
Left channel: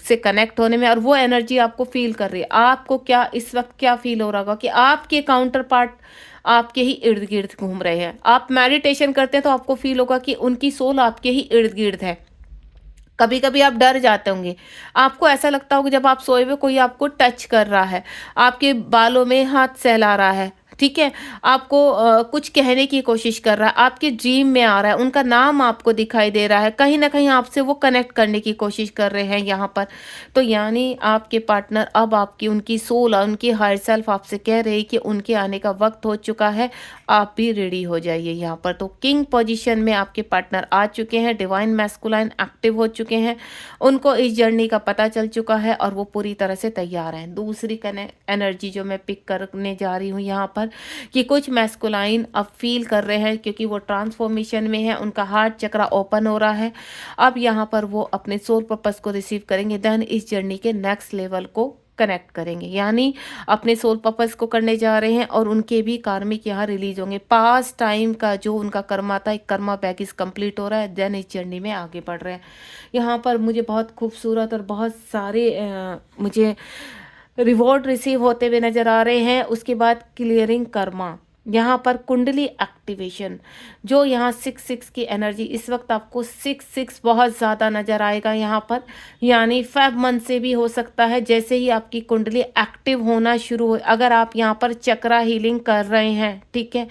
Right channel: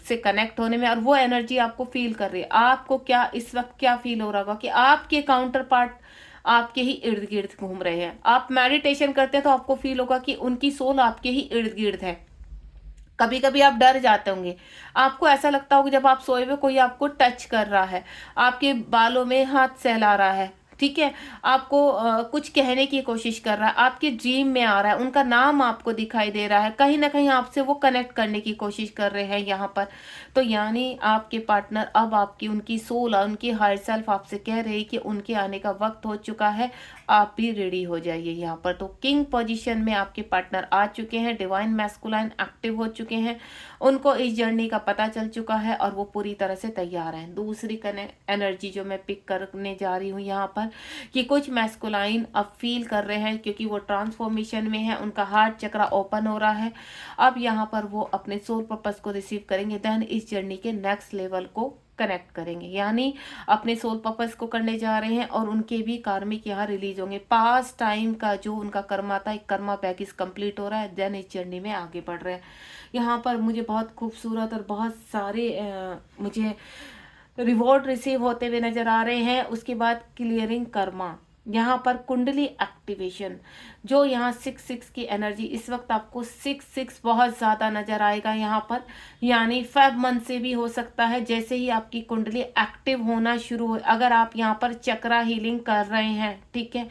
से कनेक्ट होने में, और वो एनर्जी आपको फील कर रही है, आपको क्या इस वक्त क्या फील हो रहा होगा कि आपके काउंटर पार्ट आपके ही इर्द गिर्द घूम रहे हैं। आप मेडिटेशन करते हैं तो आपको फील होगा कि उनकी सोल आपके ही इर्द गिर्द है, कभी कभी आप डर जाते होंगे, आपको ऐसा लगता होगा जब आप सोए हुए कोई आपको टच कर रहा है, आपके बालों में हाथ सहला रहा है, ठीक है, आपको कुछ कहने की कोशिश कर रहा है, आपके ड्रीम में आ रहा है, उनका नाम आपको दिखाई दे रहा है, कहीं ना कहीं आपसे वो कनेक्ट करने की कोशिश कर रहे हैं यहाँ पर। तो यानी आपके पार्टनर अब आपकी उनकी सोल और उनकी हायर सेल्फ आपसे कह रही है कि उनके आने का वक्त हो चुका है, आप भी रेडी हो जाइए यहाँ पर। तो किंग पोजीशन में आपके पार्टनर आ चुके हैं, डिवाइन मैस्कुलाइन एक्टिव हो चुके हैं, उनको इस जर्नी का पता चल चुका है और वो पूरी तरह से तैयार हैं। दूसरी एनर्जी जो मैं पिक करने जा रही हूँ यहाँ पर, कि कुछ मैस्कुलाइन अब फील कर रहे हैं क्योंकि वो ट्रांसफॉर्मेशन में है, उनका हार्ट चक्रा ओपन हो रहा है। अब यहाँ पर वो अपने सोल पर्पस को रिसीव करेंगे, देन इस जर्नी के नेक्स्ट लेवल को कनेक्ट करेंगे, यानी अपने सोल पर्पस को करने जा रहे हैं और उनके भी कार्मिक यहाँ रिलीज होंगे। पास्ट टाइम का जो उनका कर्मा था, एक कर्मा पैकेज कंप्लीट हो रहा है, देन इस जर्नी में आगे बढ़ रहे हैं। यहाँ पर मुझे बहुत खूबसूरत और बहुत सारे मुझे रिवॉर्ड रिसीव होते हुए नजर आ रहे हैं। उसके बाद क्लियरिंग कर्मा, यहाँ पर कुंडली एक्टिवेशन, जो यहाँ 6 की एनर्जी इस वक्त आपको 6 बहुत ज़्यादा नज़र आएगा यहाँ पर, यानी फेब मंथ से भी हो सकता है। जैसे ही आपकी कुंडली एक्टिव होना शुरू हो, अगर आप यहाँ पर चक्रा हीलिंग कर रहे हैं, ठीक है,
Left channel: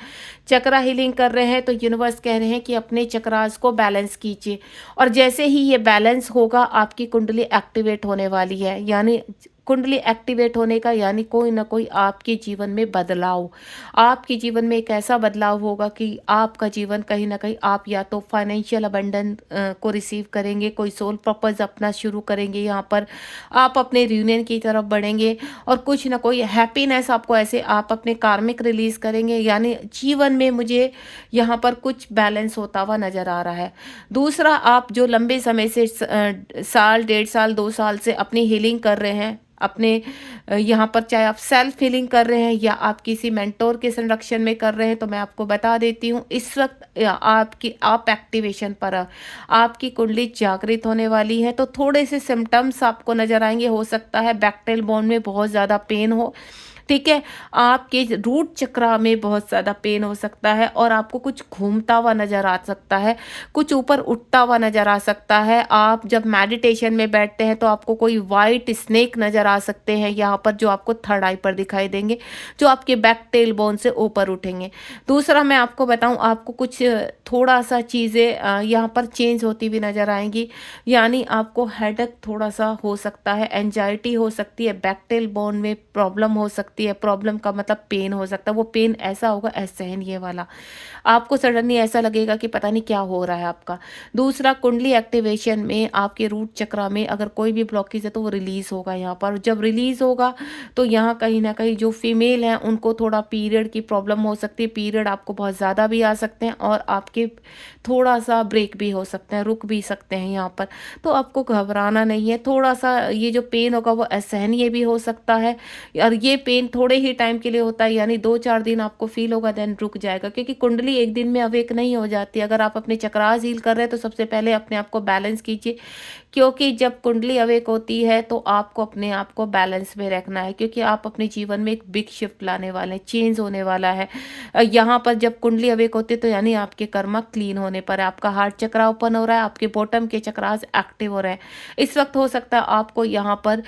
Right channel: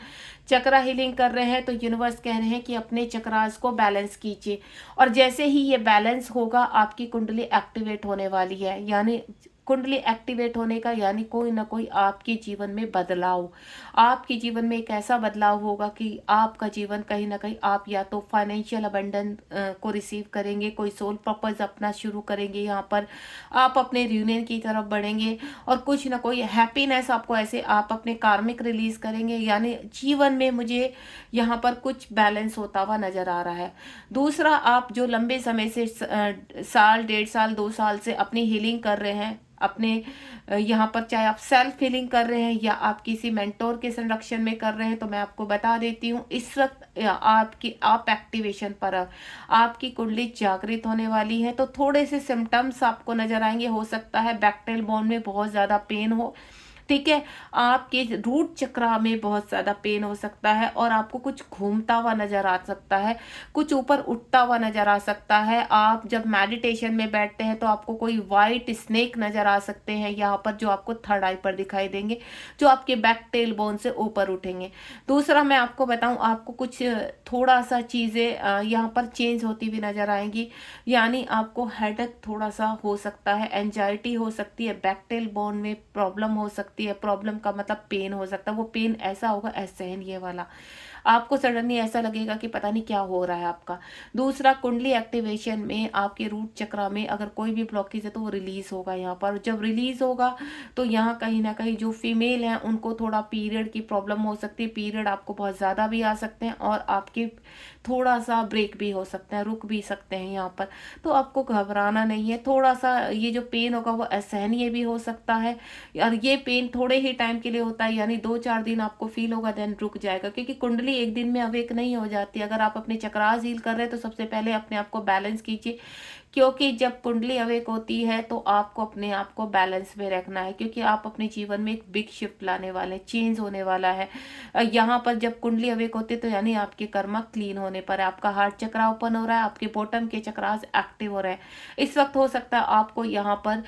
चक्रा हीलिंग कर रहे हैं, तो यूनिवर्स कह रहे हैं कि अपने चक्रास को बैलेंस कीजिए, और जैसे ही ये बैलेंस होगा आपकी कुंडली एक्टिवेट होने वाली है। यानी कुंडली एक्टिवेट होने का यानी कोई ना कोई आपके जीवन में बदलाव, आपके जीवन में एक ऐसा बदलाव होगा कि आपका जीवन कहीं ना कहीं, आप या तो फाइनेंशियल अबंडेंस को रिसीव करेंगे, कोई सोल पर्पस अपना शुरू करेंगे, यहाँ पर आप अपने यूनियन की तरफ बढ़ेंगे, और कुछ ना कोई हैप्पीनेस आपको ऐसे आप अपने कार्मिक रिलीज करेंगे। यानी जीवन में मुझे यहाँ पर कुछ बैलेंस होता हुआ नजर आ रहा है। दूसरा, आप जो लंबे समय से साल 1.5 साल 2 साल से अपनी हीलिंग कर रहे हैं, अपने यहाँ पर चाहे आप सेल्फ हीलिंग कर रहे हैं या आप किसी मेंटोर के संरक्षण में कर रहे हैं, तो मैं आपको बता देती हूँ इस वक्त आप एक्टिवेशन पर आपकी कुंडली जागृत होने वाली है। तो थोड़े से सिम्टम्स आपको नजर आएंगे, हो सकता है बैकटेल बोन में बहुत ज़्यादा पेन हो, ठीक है, आपके रूट चक्रा में बहुत ज़्यादा पेन हो सकता है, और आपको कुछ घूमता हुआ नज़र आ सकता है, कुछ ऊपर उठता हुआ नज़र आ सकता है। आप जब मेडिटेशन में बैठते हैं तो आपको कोई वाइट स्नेक नज़र आ सकते हैं यहाँ पर, जो आपको थर्ड आई पर दिखाई देंगे, जो आपके बैक टेल बोन से ऊपर उठेंगे। दूसरा, मैं आपको बताऊँ, आपको कुछ थोड़ा सा चीज़ें यहाँ पर चेंज होती हुई नज़र आएंगी, यानी आपको हेडेक थोड़ा सा हो सकता है, एंजाइटी हो सकती है, बैक टेल बोन में प्रॉब्लम हो सकती है। प्रॉब्लम का मतलब पेन हो सकता है, वो पेन ऐसा होगा असहनीय ये वाला, आपको सडनली ऐसा लगेगा कि पता नहीं क्या हो रहा है आपका। दूसरा, कुंडली एक्टिवेशन में आपके रूट चक्रा में अगर कोई भी ब्लॉकेज है तो वो रिलीज होगा यहाँ पर। जब रिलीज होगा तो यहाँ कहीं ना कहीं जो फीमेल हैं उनको थोड़ा पीरियड की प्रॉब्लम हो सकती है, पीरियड आपको बहुत ज़्यादा भी आ सकते हैं, और आपके थोड़ा सा ब्रेक भी हो सकते हैं, रुक भी सकते हैं यहाँ पर। तो आपको घबराना नहीं है, थोड़ा सा ये जो पेन होगा वो असहनीय भी हो सकता है, और ये पेन थोड़े ही टाइम के लिए होता है, यानी 2-4 दिन आपको फील होगा, देन रुक जाएगा, क्योंकि कुंडली एक दिन में अवेक नहीं हो जाती। अगर आप अपने चक्रास हील कर रहे हैं तो सबसे पहले अपने आप को बैलेंस कीजिए, क्योंकि जब कुंडली अवेक होती है तो आपको अपने आप को बैलेंस में रखना है, क्योंकि आप अपने जीवन में एक बिग शिफ्ट लाने वाले हैं, चेंज होने वाला है। यहाँ पर जब कुंडली अवेक होती है तो यानी आपके कर्मा क्लीन होने पर है, आपका हार्ट चक्रा ओपन हो रहा है, आपके बॉटम के चक्रास एक्टिव हो रहे हैं। इस वक्त हो सकता है आपको यहाँ पर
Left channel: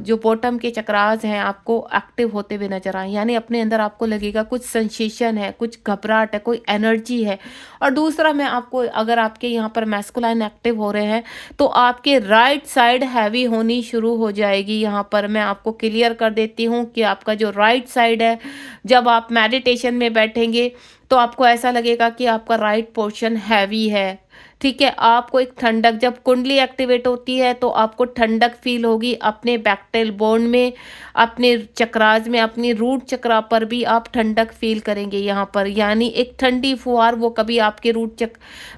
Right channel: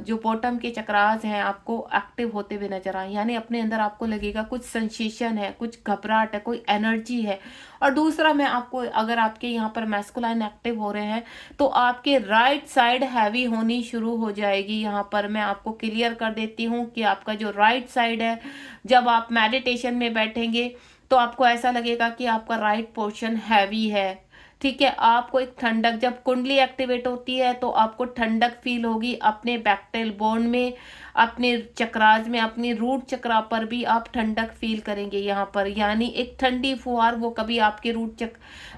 जो बॉटम के चक्रास हैं आपको एक्टिव होते हुए नजर आए, यानी अपने अंदर आपको लगेगा कुछ सेंसेशन है, कुछ घबराहट है, कोई एनर्जी है। और दूसरा, मैं आपको, अगर आपके यहाँ पर मैस्कुलाइन एक्टिव हो रहे हैं तो आपके राइट साइड हैवी होनी शुरू हो जाएगी। यहाँ पर मैं आपको क्लियर कर देती हूँ कि आपका जो राइट साइड है, जब आप मेडिटेशन में बैठेंगे तो आपको ऐसा लगेगा कि आपका राइट पोर्शन हैवी है, ठीक है। आपको एक ठंडक, जब कुंडली एक्टिवेट होती है तो आपको ठंडक फील होगी अपने बैकटेल बोन में, अपने चक्रास में, अपनी रूट चक्रा पर भी आप ठंडक फील करेंगे यहाँ पर, यानी एक ठंडी फुहार वो कभी आपके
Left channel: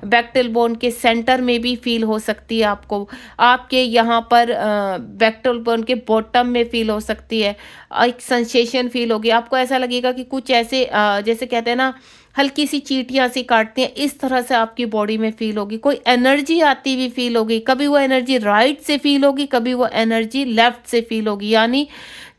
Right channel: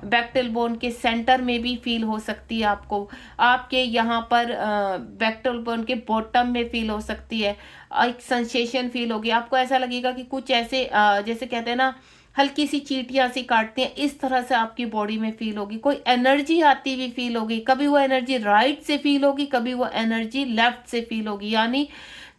बैकटेल बोन के सेंटर में भी फील हो सकती है, आपको आपके यहाँ पर बैकटेल बोन के बॉटम में फील हो सकती है, एक सेंसेशन फील होगी। आपको ऐसा लगेगा कि कुछ ऐसे जैसे कहते हैं ना, हल्की सी चींटियां सी काटती हैं, इस तरह से आपकी बॉडी में फील होगी, कोई एनर्जी आती हुई फील होगी। कभी वो एनर्जी राइट से फील होगी, कभी वो एनर्जी लेफ्ट से फील होगी, यानी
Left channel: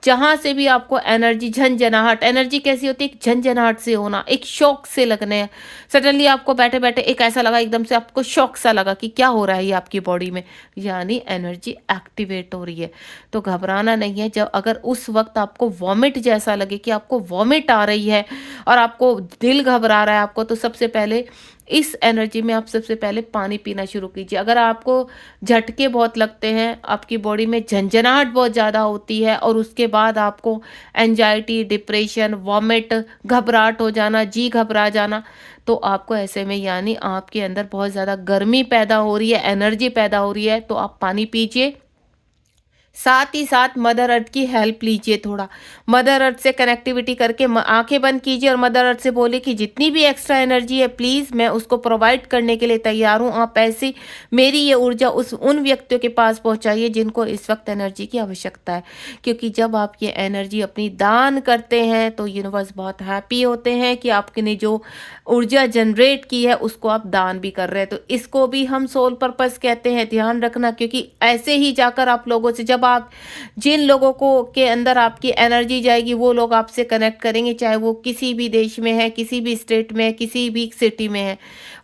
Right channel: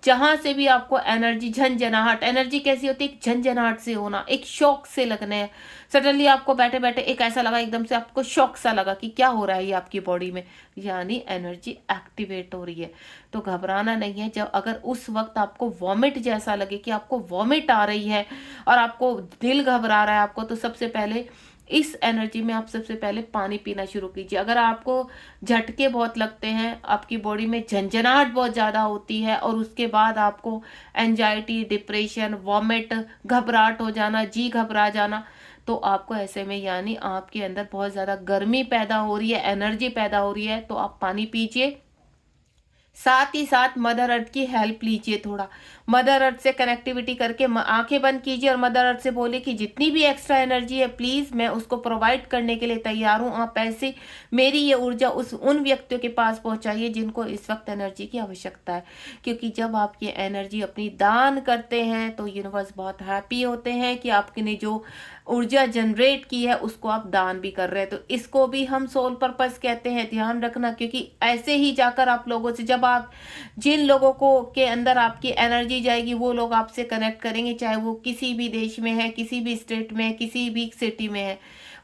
जहाँ से भी आपको एनर्जी झंझनाहट, एनर्जी कैसी होती है? एक झंझनाहट से होना, एक शॉक से लगने। सडनली आपको बैठे-बैठे एक ऐसा लगा, एकदम से आपको शॉक सा लगा कि क्या हो रहा है ये आपकी बॉडी में, यानी एनर्जी एक्टिवेट हो रही है। तो घबराना नहीं है। जब अगर उस वक़्त आपको वॉमिट जैसा लगे कि आपको वॉमिट आ रही है और आपको दिल घबरा रहा है आपको, तो सबसे पहले इस एनर्जी में आप सबसे पहले पानी पीना शुरू कीजिए। अगर आपको झटके बहुत लगते हैं, आपकी बॉडी में झंझनाहट बहुत ज़्यादा होती है और उसके बाद आपको एंजाइटी, डिप्रेशन, वॉमिट, घबराहट हो जाना, जी घबरा जाना, तो आपको ऐसे में यानी आपके अंदर बहुत ज़्यादा गर्मी पैदा हो रही है, एनर्जी पैदा हो रही है, तो आप पानी पीजिए। साथ ही साथ मदर अर्थ की हेल्प लीजिए थोड़ा। मदर अर्थ से कनेक्टिविटी करके आँखें बंद कीजिए और मदर अर्थ से बोलिए कि जितनी भी एक्स्ट्रा एनर्जी है प्लीज़ मैं उसको प्रोवाइड करने के लिए तैयार हूँ। आप ऐसे मेरी ये ऊर्जा उस उन व्यक्तियों के पास पहुँचाइए जिनको इस वक़्त एनर्जी की आवश्यकता है। क्योंकि जब आप ये एनर्जी अपनी दान करते हैं तो यूनिवर्स बहुत हैप्पी होते हैं कि आपने जो ऊर्जा जनरेट की है उसको आप दान भी कर रहे हैं। तो इसको भी हम सोल पर्पस कहते हैं, ध्यान रखना। क्योंकि ऐसे ही जाकर आप लोगों से, जब आप जिन लोगों को के अंदर आपकी एनर्जी जाएगी वो लोग आपसे कनेक्ट करेंगे, चाहे वो किसी भी देश में है, किसी भी स्टेट में है, किसी भी सिटी में है,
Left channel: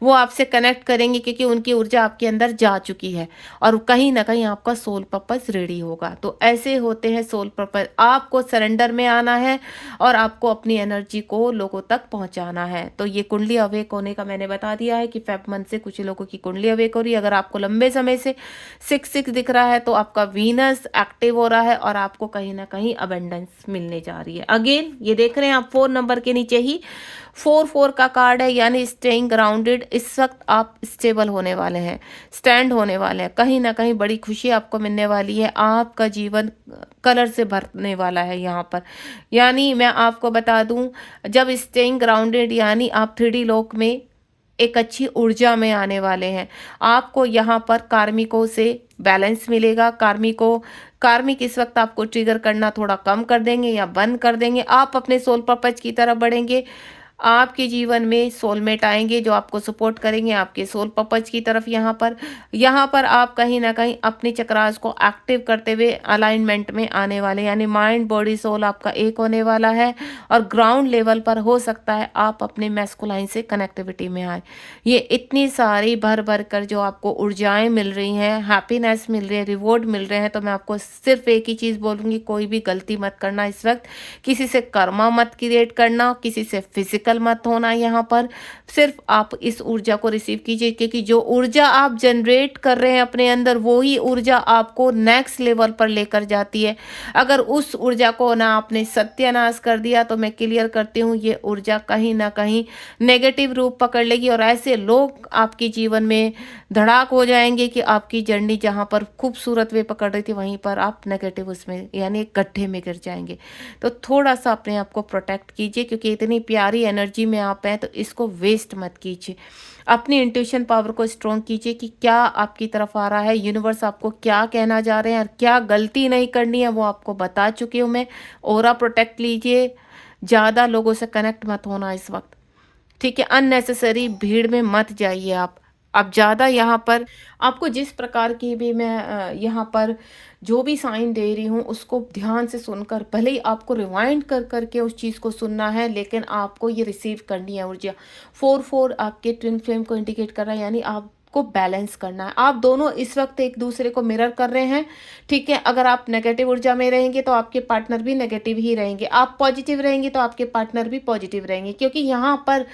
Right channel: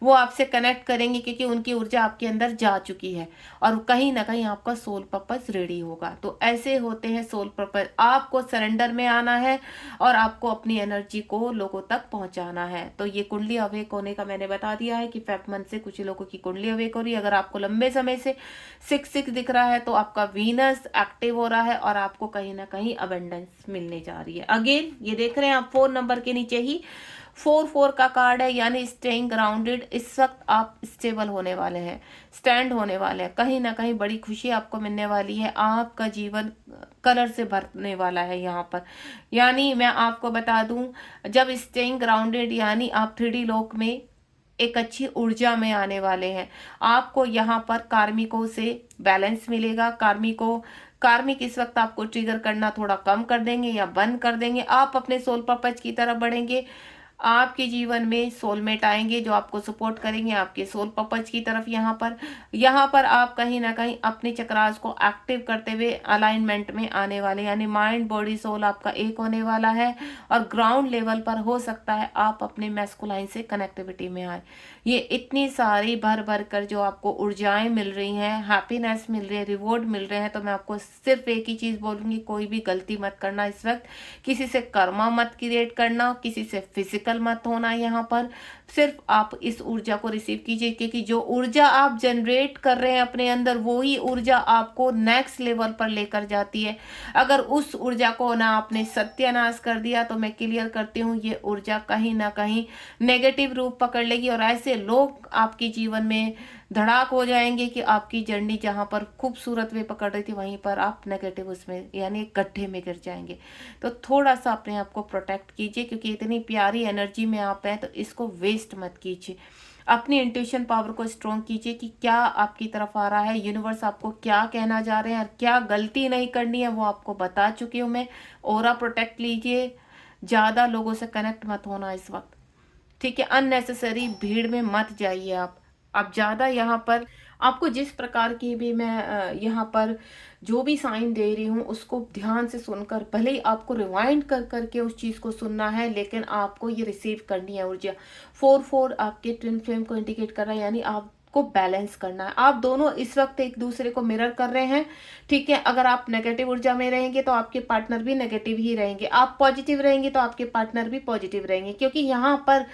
वो आपसे कनेक्ट करेंगे क्योंकि उनकी ऊर्जा आपके अंदर जा चुकी है और कहीं ना कहीं आपका सोल पर्पस रेडी होगा। तो ऐसे होते हैं सोल पर्पस। आपको सरेंडर में आना है और आपको अपनी एनर्जी को लोगों तक पहुंचाना है। तो ये कुंडली अवेक होने का मैंने बता दिया है कि फेब मंथ से कुछ लोगों की कुंडली अवेक हो रही है। अगर आपको लंबे समय से 6 दिख रहा है तो आपका वीनस एक्टिव हो रहा है और आपको कहीं ना कहीं अबेंडेंस मिलने जा रही है। अगेन ये देख रहे हैं आप 4 नंबर के नीचे ही 4 का कार्ड है, यानी स्टेइंग ग्राउंडेड। इस वक्त आप स्टेबल होने वाले हैं, स्टैंड होने वाले हैं, कहीं ना कहीं बड़ी खुशी आपको मिलने वाली है। आपका जीवन कलर से भरने वाला है यहाँ पर। यानी मैं आपको बता दूं, जब स्टेइंग ग्राउंडेड यानी आप 3D लोक में एक अच्छी ऊर्जा में आने वाले हैं। आपको यहाँ पर कार्मिकों से बैलेंस मिलेगा। कार्मिक इस वक्त आपको ट्रिगर करना थोड़ा कम कर देंगे या बंद कर देंगे। आप अपने सोल पर्पज की तरफ बढ़ेंगे। आपके जीवन में सोलमेट आएंगे जो आपको सपोर्ट करेंगे आपके सोल पर्पज की तरफ। यहाँ पर आप कहीं ना कहीं अपने चक्रास को एक्टिव करते हुए अलाइनमेंट में आने वाले, यानी माइंड बॉडी सोल आपका एक होने वाला है। और ग्राउंड लेवल पर हो सकता है आप अपने मैस्कुलाइन से कनेक्टिविटी में आए। ये इतनी सारी भर भर कर जो आपको ऊर्जाएं मिल रही हैं, हैप्पीनेस मिल रही है, रिवॉर्ड मिल रहे हैं, तो मैं आपको सिर्फ एक ही चीज़ बोलूँगी, कोई भी गलती मत करना इस वक्त। किसी से कर्मा मत क्रिएट करना, किसी से फिजिकल मत होना। यहाँ पर सिर्फ आप इस ऊर्जा को रिसीव कीजिए, क्योंकि जो ऊर्जा आप जनरेट कर रहे हैं अपने अंदर, वो ही ऊर्जा आपको नेक्स्ट लेवल पर लेकर जाती है। अगर उस ऊर्जा को ना आपने सत्यानाश कर दिया तो मैं क्लियर करती हूँ ये ऊर्जा कहीं ना कहीं नेगेटिव रूप पकड़ लेगी और ऐसे लोग आपके जीवन में धड़ाक हो जाएंगे कि आपकी जर्नी जहाँ पर खूबसूरत वे पकड़ रही थी वहीं पर आप नेगेटिव उसमें यानी एक गड्ढे में गिर जाएंगे। तो थोड़ा सा अपने आप को प्रोटेक्ट कीजिए, क्योंकि इतनी प्यारी एनर्जी में आप हैं तो इसको वेस्ट मत कीजिए। अपनी इंट्यूशन पावर को स्ट्रॉन्ग कीजिए कि क्या आपकी तरफ आ रहा है, यूनिवर्स आपको क्या कहना जा रहे हैं और क्या गलती नहीं करनी है वो आपको बता चुकी हूँ मैं। ऑरा प्रोटेक्ट लीजिए, ज़्यादा लोगों से कनेक्ट मत होना इस वक्त, ठीक है। अननेसेसरी भीड़ में मत जाइए आप ज़्यादा यहाँ पर आपको जिस प्रकार की भी मैं यहाँ पर जो भी साइन दे रही हूँ उसको ध्यान से सुनकर, भले ही आपको रिवाइंड कर करके उस चीज़ को सुनना है, लेकिन आपको ये रिसीव करनी है ऊर्जा। 4 आपके ट्विन फ्लेम को इंडिकेट कर रहा है, यानी आपको बैलेंस करना है। आप दोनों इस वक्त एक दूसरे को मिरर कर रहे हैं, ठीक है। अगर आप नेगेटिव ऊर्जा में रहेंगे तो आपके पार्टनर भी नेगेटिव ही रहेंगे, आप पॉजिटिव रहेंगे तो आपके पार्टनर भी पॉजिटिव रहेंगे। क्योंकि यहाँ पर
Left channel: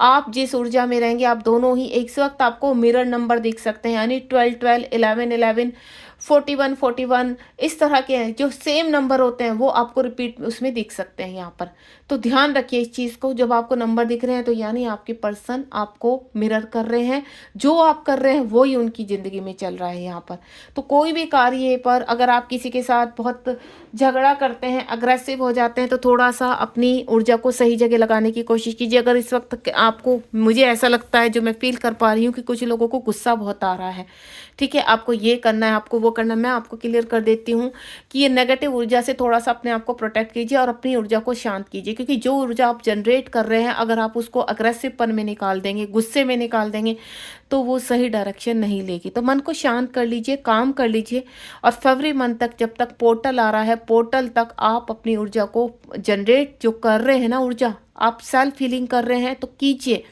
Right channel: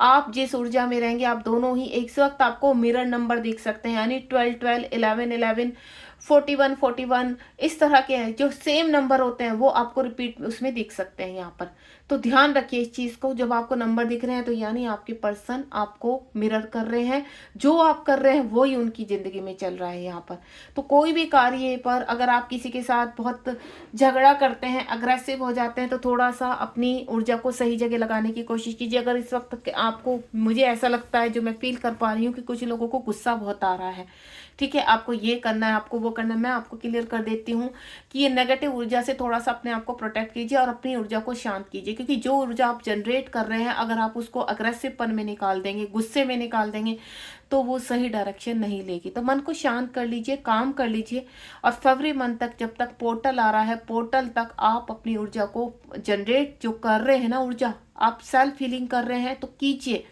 आप जिस ऊर्जा में रहेंगे आप दोनों ही एक वक्त आपको मिरर नंबर दिख सकते हैं, यानी 12 11 11 41 इस तरह के हैं जो सेम नंबर होते हैं वो आपको रिपीट उसमें दिख सकते हैं यहाँ पर। तो ध्यान रखिए इस चीज़ को, जब आपको नंबर दिख रहे हैं तो यानी आपके पर्सन आपको मिरर कर रहे हैं, जो आप कर रहे हैं वो ही उनकी ज़िंदगी में चल रहा है यहाँ पर। तो कोई भी कार्य पर अगर आप किसी के साथ बहुत झगड़ा करते हैं, अग्रेसिव हो जाते हैं, तो थोड़ा सा अपनी ऊर्जा को सही जगह लगाने की कोशिश कीजिए। अगर इस वक्त आपको, मुझे ऐसा लगता है, जो मैं फील कर पा रही हूँ कि कुछ लोगों को गुस्सा बहुत आ रहा है, ठीक है, आपको ये करना है, आपको वो वो करना मैं आपको क्लियर कर देती हूँ कि ये नेगेटिव ऊर्जा से थोड़ा सा अपने आप को प्रोटेक्ट कीजिए और अपनी ऊर्जा को शांत कीजिए, क्योंकि जो ऊर्जा आप जनरेट कर रहे हैं अगर आप उसको अग्रेसिवपन में निकाल देंगे, गुस्से में निकाल देंगे, तो वो सही डायरेक्शन नहीं लेगी। तो मन को शांत कर लीजिए, काम कर लीजिए और फरवरी मंथ तक, जब तक पोर्टल आ रहा है, पोर्टल तक आप अपनी ऊर्जा को जनरेट जो कर रहे हैं ना, ऊर्जा आप सेल्फ हीलिंग कर रहे हैं तो कीजिए,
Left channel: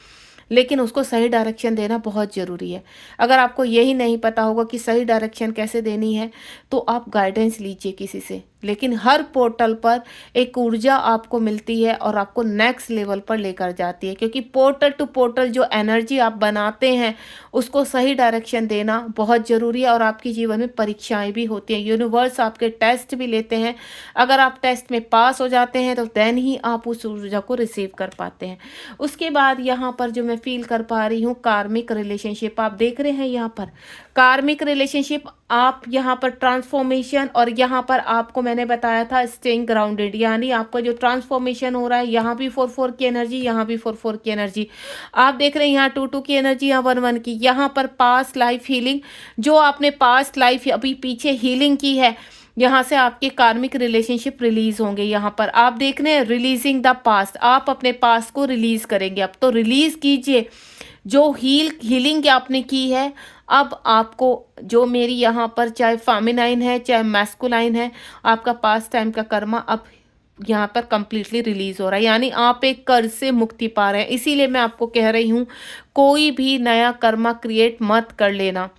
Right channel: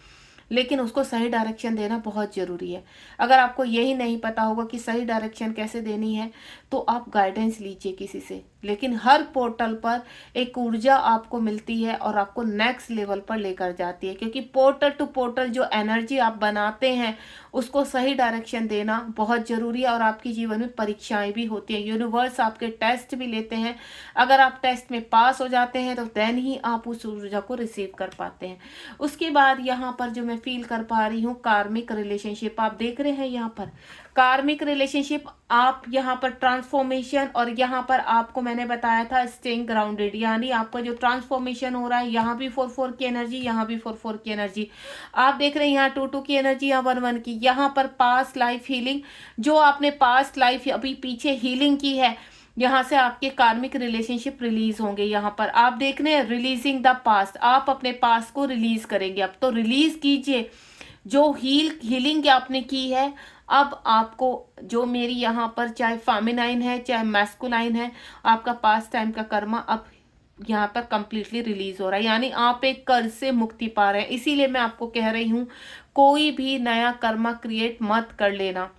लेकिन उसको सही डायरेक्शन देना बहुत ज़रूरी है। अगर आपको यही नहीं पता होगा कि सही डायरेक्शन कैसे देनी है तो आप गाइडेंस लीजिए किसी से, लेकिन हर पोर्टल पर एक ऊर्जा आपको मिलती है और आपको नेक्स्ट लेवल पर लेकर जाती है, क्योंकि पोर्टल टू पोर्टल जो एनर्जी आप बनाते हैं उसको सही डायरेक्शन देना बहुत ज़रूरी है। और आपके जीवन में परीक्षाएं भी होती हैं, यूनिवर्स आपके टेस्ट भी लेते हैं। अगर आप टेस्ट में पास हो जाते हैं तो देन ही आप उस ऊर्जा को रिसीव कर पाते हैं। उसके बाद यहाँ पर जो मैं फील कर पा रही हूँ, कार्मिक रिलेशनशिप आप देख रहे हैं यहाँ पर, कार्मिक रिलेशनशिप आप यहाँ पर ट्रांसफॉर्मेशन, और यहाँ पर आपको मैंने बताया था स्टेइंग ग्राउंडेड, यानी आपका जो ट्रांसफॉर्मेशन हो रहा है, यहाँ भी 4-4 की एनर्जी, यहाँ भी 4-4 की एनर्जी आप देख रहे हैं, यहाँ 2-2 की एनर्जी, यहाँ 1-1 की। यहाँ पर पास्ट लाइफ हीलिंग, जो आपने पास्ट लाइफ अभी पीछे हीलिंग की है, यहाँ से आपके कार्मिक रिलेशनशिप रिलीज होंगे। यहाँ पर आप देख रहे हैं रिलीजिंग द पास्ट, आप अपने पास्ट को रिलीज करेंगे। अब तो रिलीज कीजिए जो हीलिंग आपने की है। अब आपको जो मेरी यहाँ पर चाहे फेमिनाइन है चाहे मैस्कुलाइन है, आपका पास्ट टाइम का कर्मा अब यहाँ पर कंप्लीटली रिलीज हो रहा है, यानी आप एक कर्ज से मुक्ति पा रहे हैं। इसीलिए मैं आपको कह रही हूँ कोई भी नया कर्मा क्रिएट मत कर लेना।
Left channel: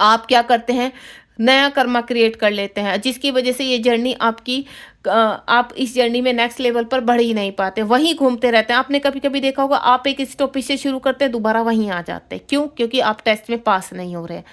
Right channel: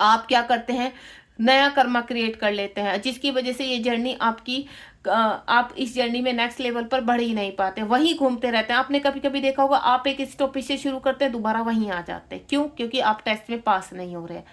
आप क्या करते हैं, नया कर्मा क्रिएट कर लेते हैं, जिसकी वजह से ये जर्नी आपकी आप इस जर्नी में नेक्स्ट लेवल पर बढ़ ही नहीं पाते, वहीं घूमते रहते हैं। आपने कभी कभी देखा होगा आप एक स्टॉपेज से शुरू करते हैं, दोबारा वहीं आ जाते हैं। क्यों? क्योंकि आप टेस्ट में पास नहीं हो रहे हैं।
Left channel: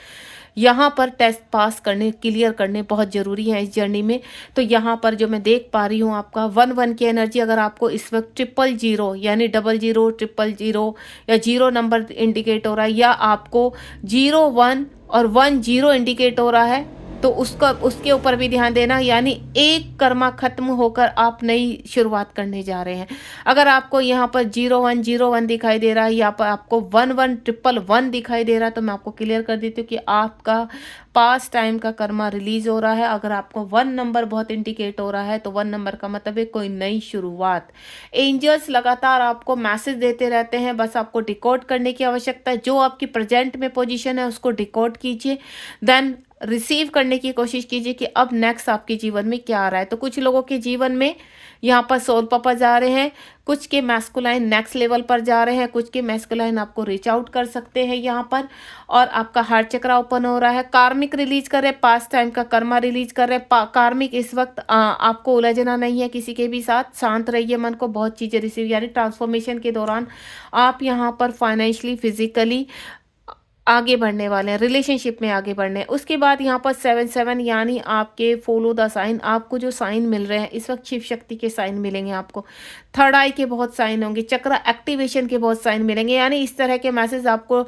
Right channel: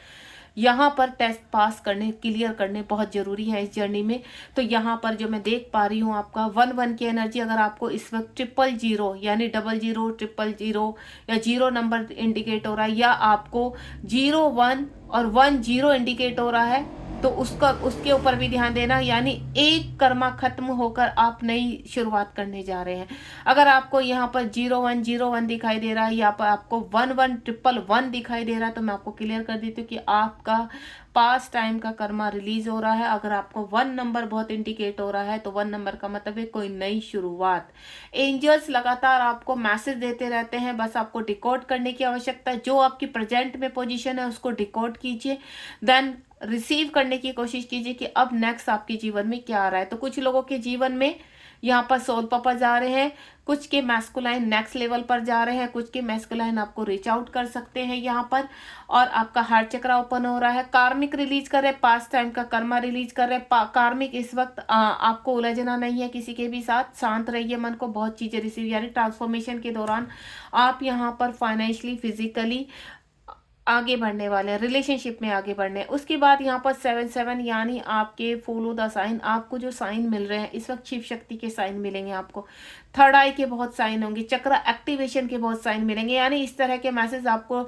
यहाँ पर टेस्ट पास करने, क्लियर करने बहुत ज़रूरी है इस जर्नी में। तो यहाँ पर जो मैं देख पा रही हूँ आपका 1-1 की एनर्जी, अगर आपको इस वक्त 000 यानी 00 000 या 0 नंबर इंडिकेट हो रहा है, या आपको 01 और 10 इंडिकेट हो रहा है, तो उसके ऊपर भी ध्यान देना, यानी एक कर्मा खत्म होकर आप नई शुरुआत करने जा रहे हैं। अगर आपको यहाँ पर 0101 दिखाई दे रहा है, या पर आपको 11111 दिखाई दे रहा है, तो मैं आपको क्लियर कर देती हूँ कि आपका पास्ट टाइम का कर्मा रिलीज हो रहा है। अगर आपको 1 नंबर बहुत इंडिकेट हो रहा है तो 1 नंबर का मतलब है कोई नई शुरुआत। एंजल्स लगातार आपको मैसेज देते रहते हैं, बस आपको डिकोड करने की आवश्यकता है। जो आपकी प्रेजेंट में पोजीशन है उसको डिकोड कीजिए, देन रिसीव करने की कोशिश कीजिए कि अब नेक्स्ट आपके जीवन में क्या आ रहा है। तो कुछ लोगों के जीवन में यहाँ पर सोल पापा जा रहे हैं, कुछ के मैस्कुलाइन नेक्स्ट लेवल पर जा रहे हैं, कुछ के मैस्कुलाइन आपको रीच आउट कर सकते हैं यहाँ पर, और आपका हार्ट चक्रा ओपन हो रहा है। कार्मिक रिलीज कर रहे हैं, पास्ट टाइम का कर्मा रिलीज कर रहे हैं। कार्मिक इस वक्त आपको उलझना नहीं है किसी के भी साथ, शांत रहिए, मन को बहुत चीज़ें रिसीव, यानी ट्रांसफॉर्मेशन के दौरान आप यहाँ पर फाइनेंशियली फिजिकली आगे बढ़ने वाले हैं, रिलेशनशिप में आगे बढ़ने हैं। उसके बाद यहाँ पर 7-7 यानी आपके फॉलो द साइन, आपको जो साइन मिल रहे हैं इस वक्त शिव शक्ति के साइन मिलेंगे आपको, थर्ड आई के बहुत साइन होंगे, चक्र एक्टिवेशन के बहुत साइन मिलेंगे, यानी इस तरह के मैसेज आपको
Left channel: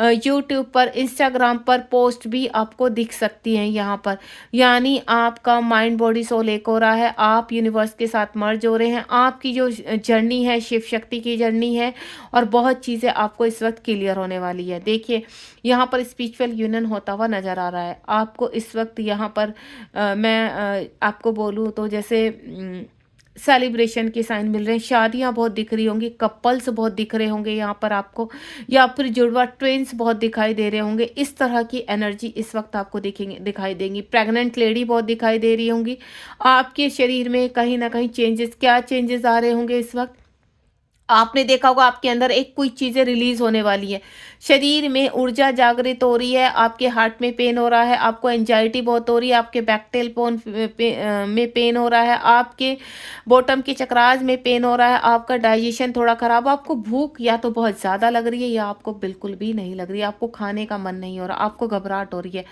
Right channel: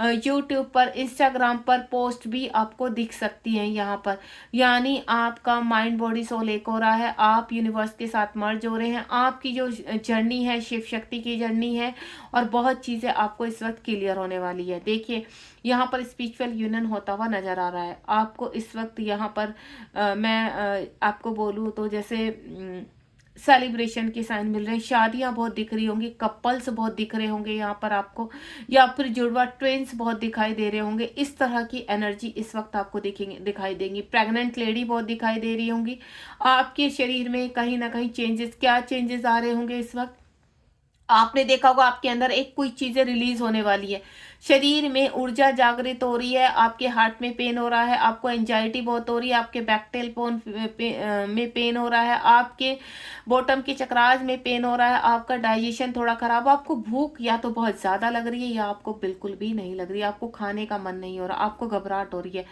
यूट्यूब पर, इंस्टाग्राम पर पोस्ट भी आपको दिख सकती हैं यहाँ पर। यानी आपका माइंड बॉडी सोल एक हो रहा है, आप यूनिवर्स के साथ मर्ज हो रहे हैं, आपकी जो जर्नी है शिव शक्ति की जर्नी है, और बहुत चीज़ें आपको इस वक्त क्लियर होने वाली है। देखिए यहाँ पर स्पिरिचुअल यूनियन होता हुआ नजर आ रहा है आपको इस वक्त। यहाँ पर मैं आपको बोलूँ तो जैसे सेलिब्रेशन के साइन मिल रहे हैं, शादियां बहुत दिख रही होंगी, कपल्स बहुत दिख रहे होंगे यहाँ पर आपको, या फिर जुड़वा ट्रेन्स बहुत दिखाई दे रहे होंगे। इस तरह की एनर्जी इस वक्त आपको दिखाई देंगी। प्रेग्नेंट लेडी बहुत दिखाई दे रही होंगी। आपके शरीर में कहीं ना कहीं चेंजेस, क्या चेंजेस आ रहे होंगे इस वक्त, आपने देखा होगा आपके अंदर एक कोई चीजें रिलीज होने वाली है, शरीर में ऊर्जा जागृत हो रही है, आपके हार्ट में पेन हो रहा है, आपको एंजाइटी बहुत हो रही है, आपके बैकटेल बोन में पेन हो रहा है, आपके बॉटम के चक्रास में पेन हो रहा है, आपका डाइजेशन थोड़ा खराब, आपको भूख या तो बहुत ज़्यादा लग रही है या आपको बिल्कुल भी नहीं लग रही है, आपको खाने का मन नहीं हो रहा, आपको घबराहट हो रही है।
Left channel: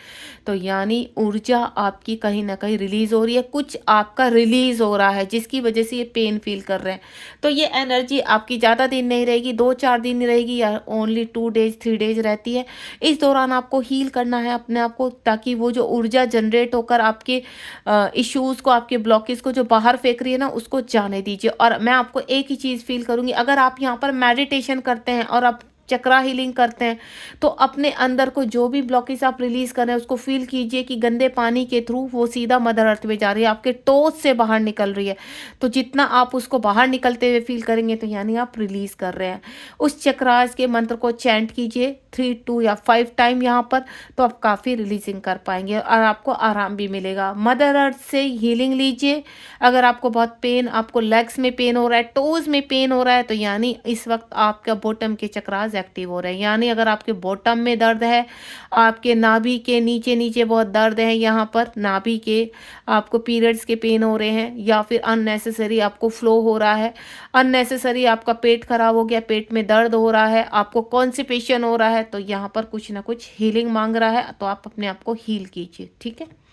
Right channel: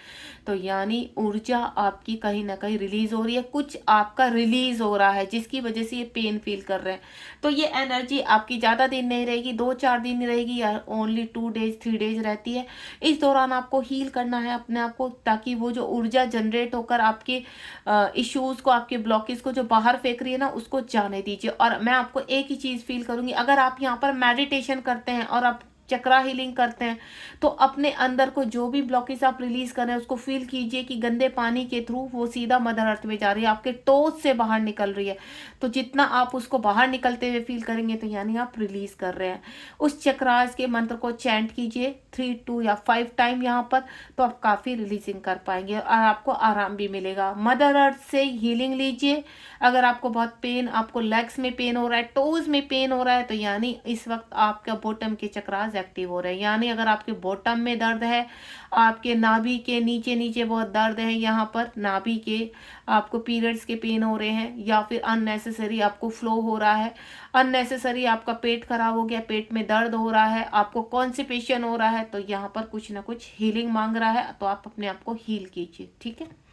तो यानी ऊर्जा आपकी कहीं ना कहीं रिलीज हो रही है, कुछ आपका रिलीज हो रहा है जिसकी वजह से ये पेन फील कर रहे हैं। तो ये एनर्जी आपकी ज़्यादा दिन नहीं रहेगी, 2-4 दिन रहेगी या ओनली 2 डेज 3 डेज रहती है। इस दौरान आपको हील करना है अपने आप को, ताकि वो जो ऊर्जा जनरेट होकर आपके इश्यूज को, आपके ब्लॉकेज को जो बाहर फेंक रही है ना, उसको जाने दीजिए। और मैं आपको एक ही चीज़ फील करूंगी, अगर आप यहाँ पर मेडिटेशन करते हैं और आप चक्रा हीलिंग करते हैं तो अपने अंदर को जो भी ब्लॉकेज आप रिलीज कर रहे हैं उसको फील कीजिए कि गंदे पानी के थ्रू वो सीधा मदर अर्थ में जा रही है, आपके टोस से बाहर निकल रही है। तो जितना आप उसको बाहर निकलते हुए फील करेंगे तो यानी आप रिलीज कर रहे हैं। उस चक्रास के मंत्र को चैंट कीजिए 3, 2 या 5 टाइम यहाँ पर, तो आप काफ़ी रिलीजिंग कर पाएंगे और आपको आराम भी मिलेगा। मदर अर्थ से हीलिंग लीजिए। अगर आपको बहुत पेन, आपको लेग्स में पेन हो रहा है, टोज में पेन हो रहा है, तो यानी इस वक्त आपका बॉटम के चक्रास एक्टिव हो रहे हैं। यानी अगर आपके बॉटम में दर्द है, आपके नाभि के नीचे नीचे बहुत दर्द है, यहाँ पर नाभि के आपको पीरियड्स के पेन हो रहे हैं, या फिर अननेसेसरी आपको फ्लो हो रहा है, अननेसेसरी आपका पेट खराब हो गया, पेट में दर्द हो रहा है, आपको कॉन्स्टिपेशन हो रहा है, तो यहाँ पर कुछ ना कुछ हीलिंग मांग रहा है, तो आप अपने आप को हील कीजिए। ठीक है,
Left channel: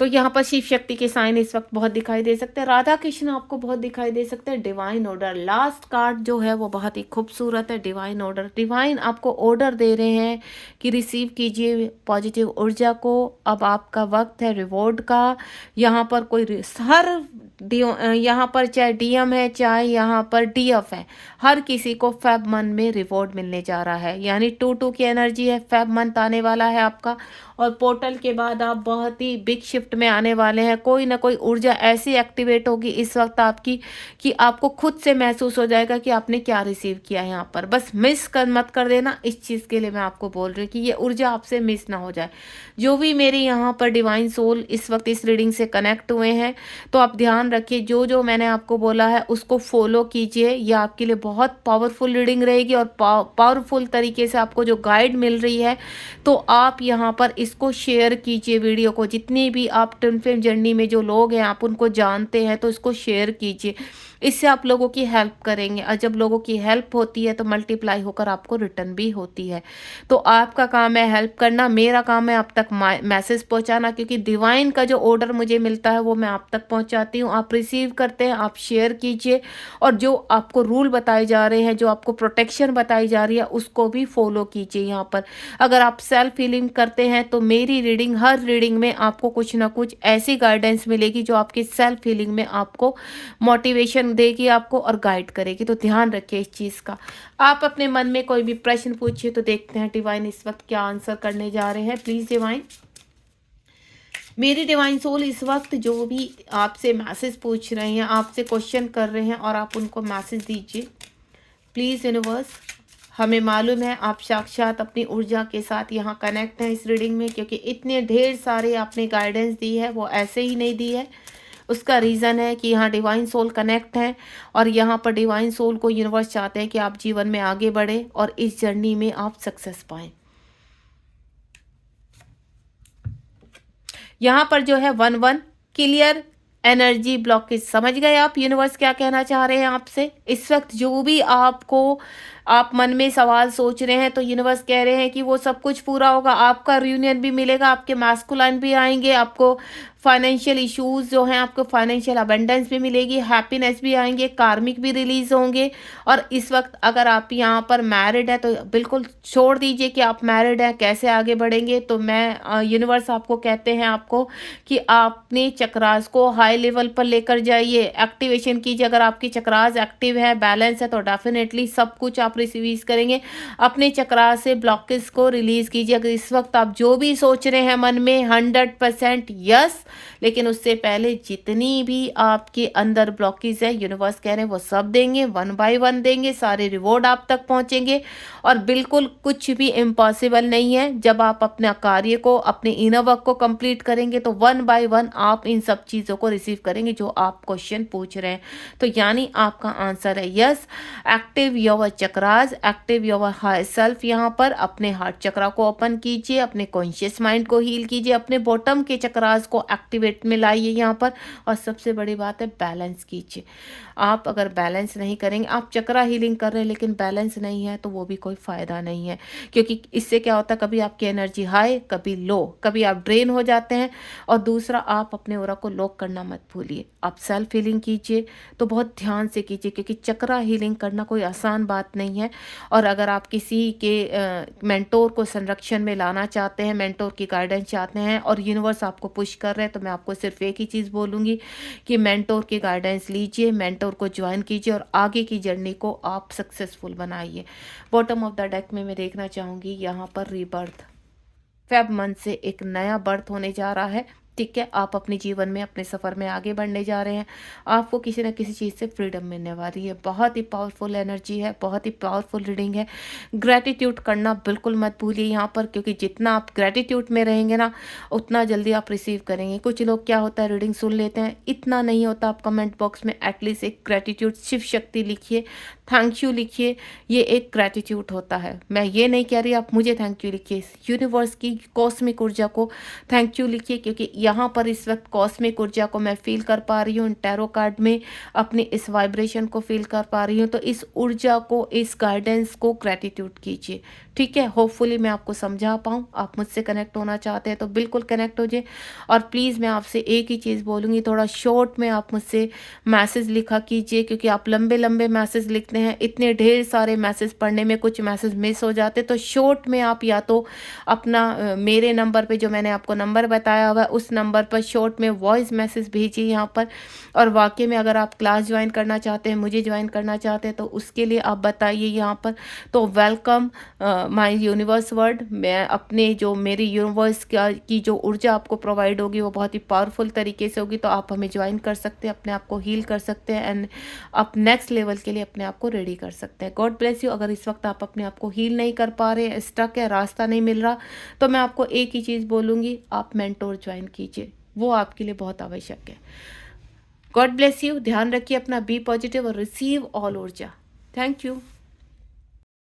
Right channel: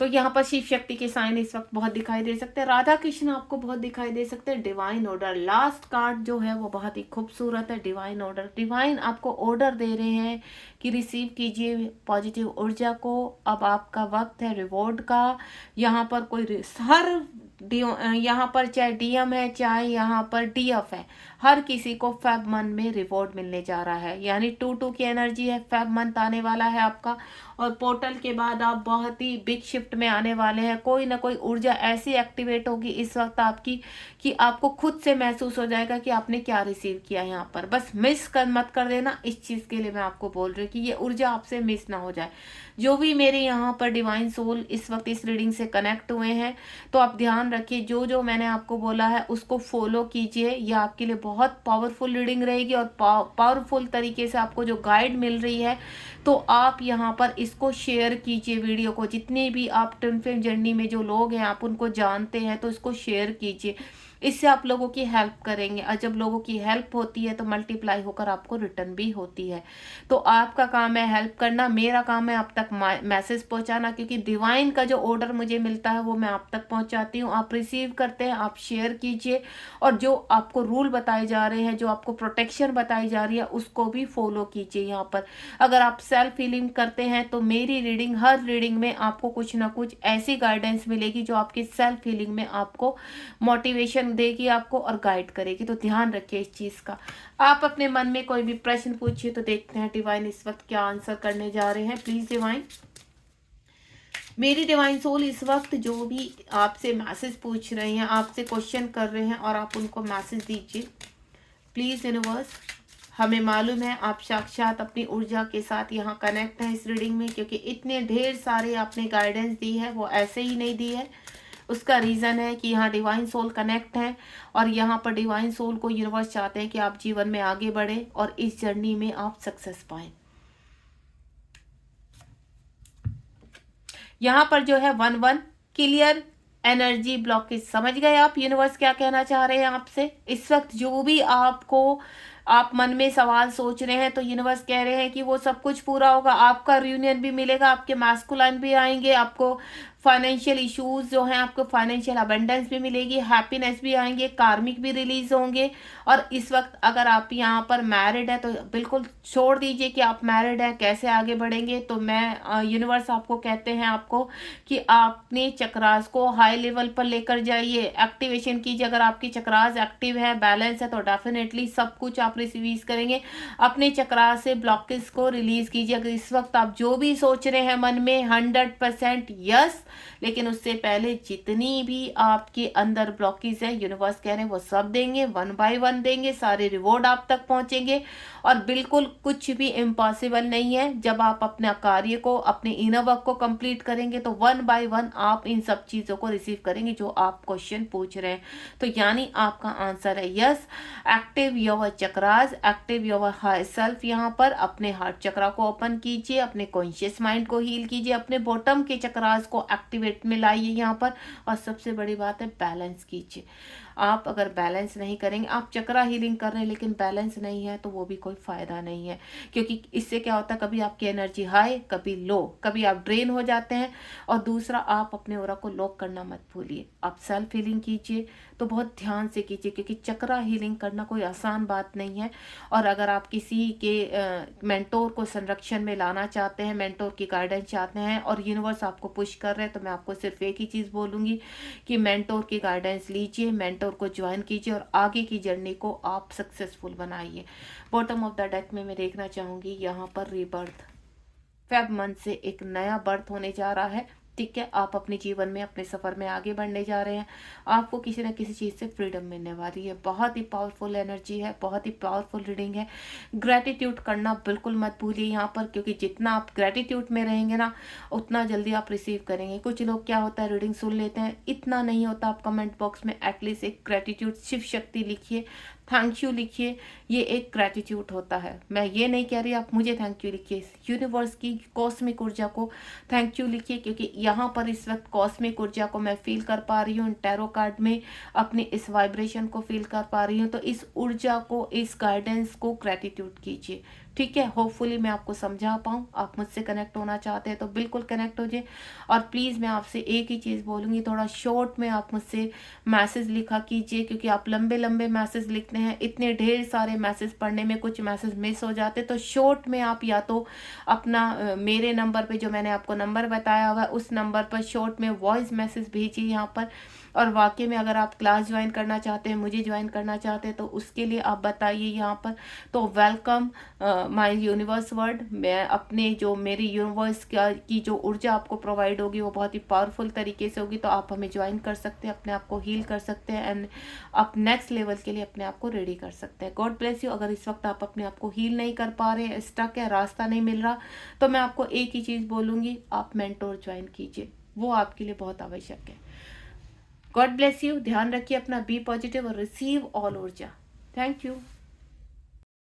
तो यहाँ पर शिव शक्ति के साइन इस वक्त बहुत दिखाई दे सकते हैं, राधा कृष्ण आपको बहुत दिखाई दे सकते हैं। डिवाइन ऑर्डर लास्ट कार्ड जो है वो बहुत ही खूबसूरत है। डिवाइन ऑर्डर, डिवाइन आपको ऑर्डर दे रहे हैं कि रिसीव कीजिए पॉजिटिव ऊर्जा को। अब आपका वक्त है रिवॉर्ड का। यहाँ पर कोई हर यहाँ पर चाहे डीएम है, चाहे यहाँ पर डीएफ है, हर किसी को फेब मंथ में रिवॉर्ड मिलने जा रहा है। यानी 2-2 की एनर्जी है, फेब मंथ आने वाला है आपका, और पोर्टल के बाद आप बहुत ही बिग शिफ्ट में आने वाले हैं। कोई ना कोई ऊर्जा ऐसी एक्टिवेट होगी इस वक्त आपकी कि आपको खुद से महसूस हो जाएगा कि आपने क्या रिसीव किया है यहाँ पर। बस मिस कर मत कर देना, इस चीज़ के लिए मैं आपको बोल रही हूँ कि ये ऊर्जा आपसे मिस ना हो जाए। जो भी मेरे यहाँ पर डिवाइन सोल इस वक्त इस रीडिंग से कनेक्ट हुए हैं, तो आप ध्यान रखिए जो जो मैंने आपको बोला है उसको फॉलो कीजिए। ये आपके लिए बहुत पावरफुल रीडिंग रहेगी और पावरफुल तरीके से आपको जो गाइड मिल रही है, तो आप यहाँ पर इसको शेयर कीजिए वीडियो को। जितनी भी आप ट्विन फ्लेम जर्नी में जो लोग हैं आप उनको जानते हैं, तो इसको शेयर कीजिए। इससे आप लोगों की हेल्प करेंगे, और जब लोगों की हेल्प होती है तो मल्टीप्लाई होकर आपको रिटर्न भी होती है। तो आपका काम है हेल्प करना, मेरा काम है आप तक मैसेज पहुंचाना, क्योंकि डिवाइन का जो ऑर्डर मुझे मिलता है वो मैं आप तक पहुंचाती हूँ। आप रिसीव करते हैं, आप शेयर कीजिए, और जो आपको रूल बताए जा रहे हैं, जो आपको प्रोटेक्शन बताई जा रही है, उसको भी फॉलो कीजिए। यहाँ पर अगर आप सेल्फ हीलिंग करते हैं तो मेरी रीडिंग, हर रीडिंग में आपको कुछ ना कुछ ऐसी गाइडेंस मिलेगी जो आपकी सेल्फ हीलिंग में आपको मोटिवेशन देगी आपको और गाइड करेगी। तो ध्यान रखिए इस चीज़ का। आप अपने मन में कोई भी प्रश्न पूछिए, तो देखते हैं डिवाइन इस वक्त क्या आंसर करने जा रहे हैं। प्लीज डिवाइन, मेरी डिवाइन सोल इस वक्त जो भी आपसे मैसेज पूछ रहे हैं, आपसे क्वेश्चन कर रहे हैं, और आप उनको मैसेज दीजिए प्लीज। यूनिवर्स, हमें मालूम है आप साक्षात अपनी ऊर्जा के साथ यहाँ कनेक्ट हैं इस रीडिंग में, क्योंकि इतने ढेर सारे आपने गाइडेंस दी है, वो ऐसे ही नहीं दी है। उसका रीज़न है कि यहाँ डिवाइन सोल कनेक्ट है, और यहाँ पर डिवाइन सोल को यूनिवर्स चाहते हैं कि आप जीवन में आगे बढ़े और इस जर्नी में आप सक्सेस पाएं। यहाँ पर जो है 1-1 क्लियर एनर्जी ब्लॉकेज, समझ गए आप यूनिवर्स क्या कहना चाह रहे हैं आपसे। इस वक्त जो भी आपको आप मन में सवाल सोच रहे हैं, तो यूनिवर्स कह रहे हैं कि वो सब कुछ पूरा होगा। आपका रियूनियन भी मिलेगा, आपके मैस्कुलाइन भी आएंगे, आपको फाइनेंशियल इश्यूज जो हैं, आपको फाइनेंशियल अबंडेंस भी मिलेगी, हैप्पीनेस भी आएंगे, कार्मिक भी रिलीज होंगे। और इस वक्त अगर आप यहाँ पर मैरिड है तो बिल्कुल छोड़ दीजिए कि आप मैरिड हैं, कैसे आगे बढ़ेंगे। तो मैं यूनिवर्स आपको कहते हैं आपको कि आपने चक्रास को हाई लेवल पर लेकर जाइए, एक्टिवेशन कीजिए। अगर आपकी चक्रास एक्टिव है, बैलेंस है, तो डेफिनेटली सब कुछ आप रिसीव करेंगे। अपने चक्रास से ब्लॉकेज को रिलीज कीजिए। अगर इस वक्त आप जो भी सोच रहे हैं मन में 100% यस, लेकिन उससे पहले जितनी भी आपके अंदर ब्लॉकेज है, यूनिवर्स कह रहे हैं वो सब देंगे, 1 बाय 1 देंगे, सारे रिवॉर्ड आप तक पहुंचेंगे। और बिल्कुल कुछ भी इम्पॉसिबल नहीं है। जब आप अपना कार्य को, अपने इनर वर्क को कंप्लीट करेंगे, तो 1 बाय 1 आप इन सब चीज़ों को रिसीव करेंगे जो आप क्वेश्चन पूछ रहे हैं। तो यानी आपका आंसर है yes. Active your chakras, active your high self. यहाँ पर अपने हार्ट चक्रा को ओपन कीजिए, अपने कॉन्शियस माइंड को हील कीजिए, अपने बॉटम के चक्रास को एक्टिवेट में लाइए यहाँ पर। और सबसे बड़ी बात है बैलेंस कीजिए। आप अगर बैलेंस नहीं करेंगे, आप चक्रा हीलिंग कर रहे हैं लेकिन बैलेंस नहीं है, तो वो भी कोई फ़ायदा नहीं है। क्योंकि इससे क्या होता है, कभी आपकी एनर्जी हाई, कभी लो, कभी आप ड्रेन हो जाते हैं। और दूसरा, आप अपने ऑरा को लॉक करना मत भूलिए। आप सेल्फ हीलिंग कीजिए तो बहुत ध्यान से कीजिए, क्योंकि चक्रा हीलिंग करना कोई आसान बात नहीं है। और अगर आप किसी के मेंटोर को संरक्षण में लाना चाहते हैं, मेंटोर की गाइडेंस चाहते हैं, और यूनिवर्स आपको पुश कर रहे हैं, तो मैं आपको सिर्फ एक ही चीज़ बोलूँगी कि मेंटोर की गाइडेंस लीजिए। मेंटोर मेंटोर को ज्वाइन कीजिए और आगे की जर्नी को आप सक्सेसफुल बनाइए। बॉटम ऑफ द डेक में मैं देखना चाहूँगी यहाँ पर रीबर्थ, फेब मंथ से एक नया बर्थ होने जा रहा है। ठीक है, आप अपने जीवन में अपने सफ़र में आगे बढ़ने जा रहे हैं। आपको किसी न किसी चीज़ से फ्रीडम मिलने वाली है। बहुत ही पावरफुल एनर्जी है, बहुत ही पावरफुल रीडिंग है। ग्रैटिट्यूड करना बिल्कुल मत भूलिए यहाँ पर, क्योंकि जितना आप ग्रैटिट्यूड में रहेंगे ना उतना जल्दी आप रिसीव करेंगे। कुछ लोग क्या होता है रीडिंग सुन लेते हैं, इतना नहीं होता। आप कमेंट बॉक्स में एटलीस्ट एक ग्रैटिट्यूड, शिव शक्ति लिखिए, थैंक यू लिखिए। ये एक ग्रैटिट्यूड होता है। मैं ये नहीं कह रही आप मुझे थैंक यू लिखिए, यूनिवर्स की कॉस्मिक ऊर्जा को थैंक यू लिखिए, क्योंकि यहाँ पर इस वक्त कॉस्मिक ऊर्जा को मैं फील कर पा रही हूँ। टैरो कार्ड में अपनी इस वाइब्रेशन को फील कर पा रही हूँ। तो इस ऊर्जा को, इस गाइडेंस को ग्रैटिट्यूड कीजिए। ठीक है, होपफुली मैं आपको समझा पाऊँ। आप मुझसे कनेक्ट होना चाहते हैं तो बिल्कुल कनेक्ट हो जाए। और प्लीज़ मैं आपसे एक ही चीज़ बोलूँगी, थोड़ा शॉर्ट में आप मुझसे मैसेज लिखा कीजिए, क्योंकि आप लंबे लंबे मैसेज लिखते हैं, इतने ढेर सारे मैसेज पढ़ने में कुछ मैसेज मिस हो जाते। तो शॉर्ट में आप या तो अपना मेरे नंबर पे, जो मैंने आपको नंबर बताया होगा, उस नंबर पर शॉर्ट में वॉइस मैसेज भेजिए यहाँ पर। और वाकई में अगर आप क्लास ज्वाइन करना चाहते हैं, मुझे ज्वाइन करना चाहते हैं, तो उसके लिए आप बताइए यहाँ पर। तो वेलकम माय यूनिवर्स वर्ड। मैं अपने जो मेरी यूनिवर्स की जो ऊर्जा आपको प्रोवाइड होगी वो बहुत ही पावरफुल तरीके से होगी। तो आप हमें ज्वाइन कर सकते हैं, अपने आप को हील कर सकते हैं एंड आप नेक्स्ट लेवल के लिए अपने आप को रेडी कर सकते हैं। God bless you. अगर इस वक्त आप अपने आप को हील नहीं कर पा रहे हैं, स्टक है, रास्ता नहीं मिल रहा, तो मैं आपको एक ही चीज़ बोलूँगी, आप मेंटोर ज्वाइन कीजिए, वो आपके लिए बहुत आवश्यक है। God bless you. ध्यान रखिए अपना, बी पॉजिटिव और रिसीव ऑल ऊर्जा। Thank you.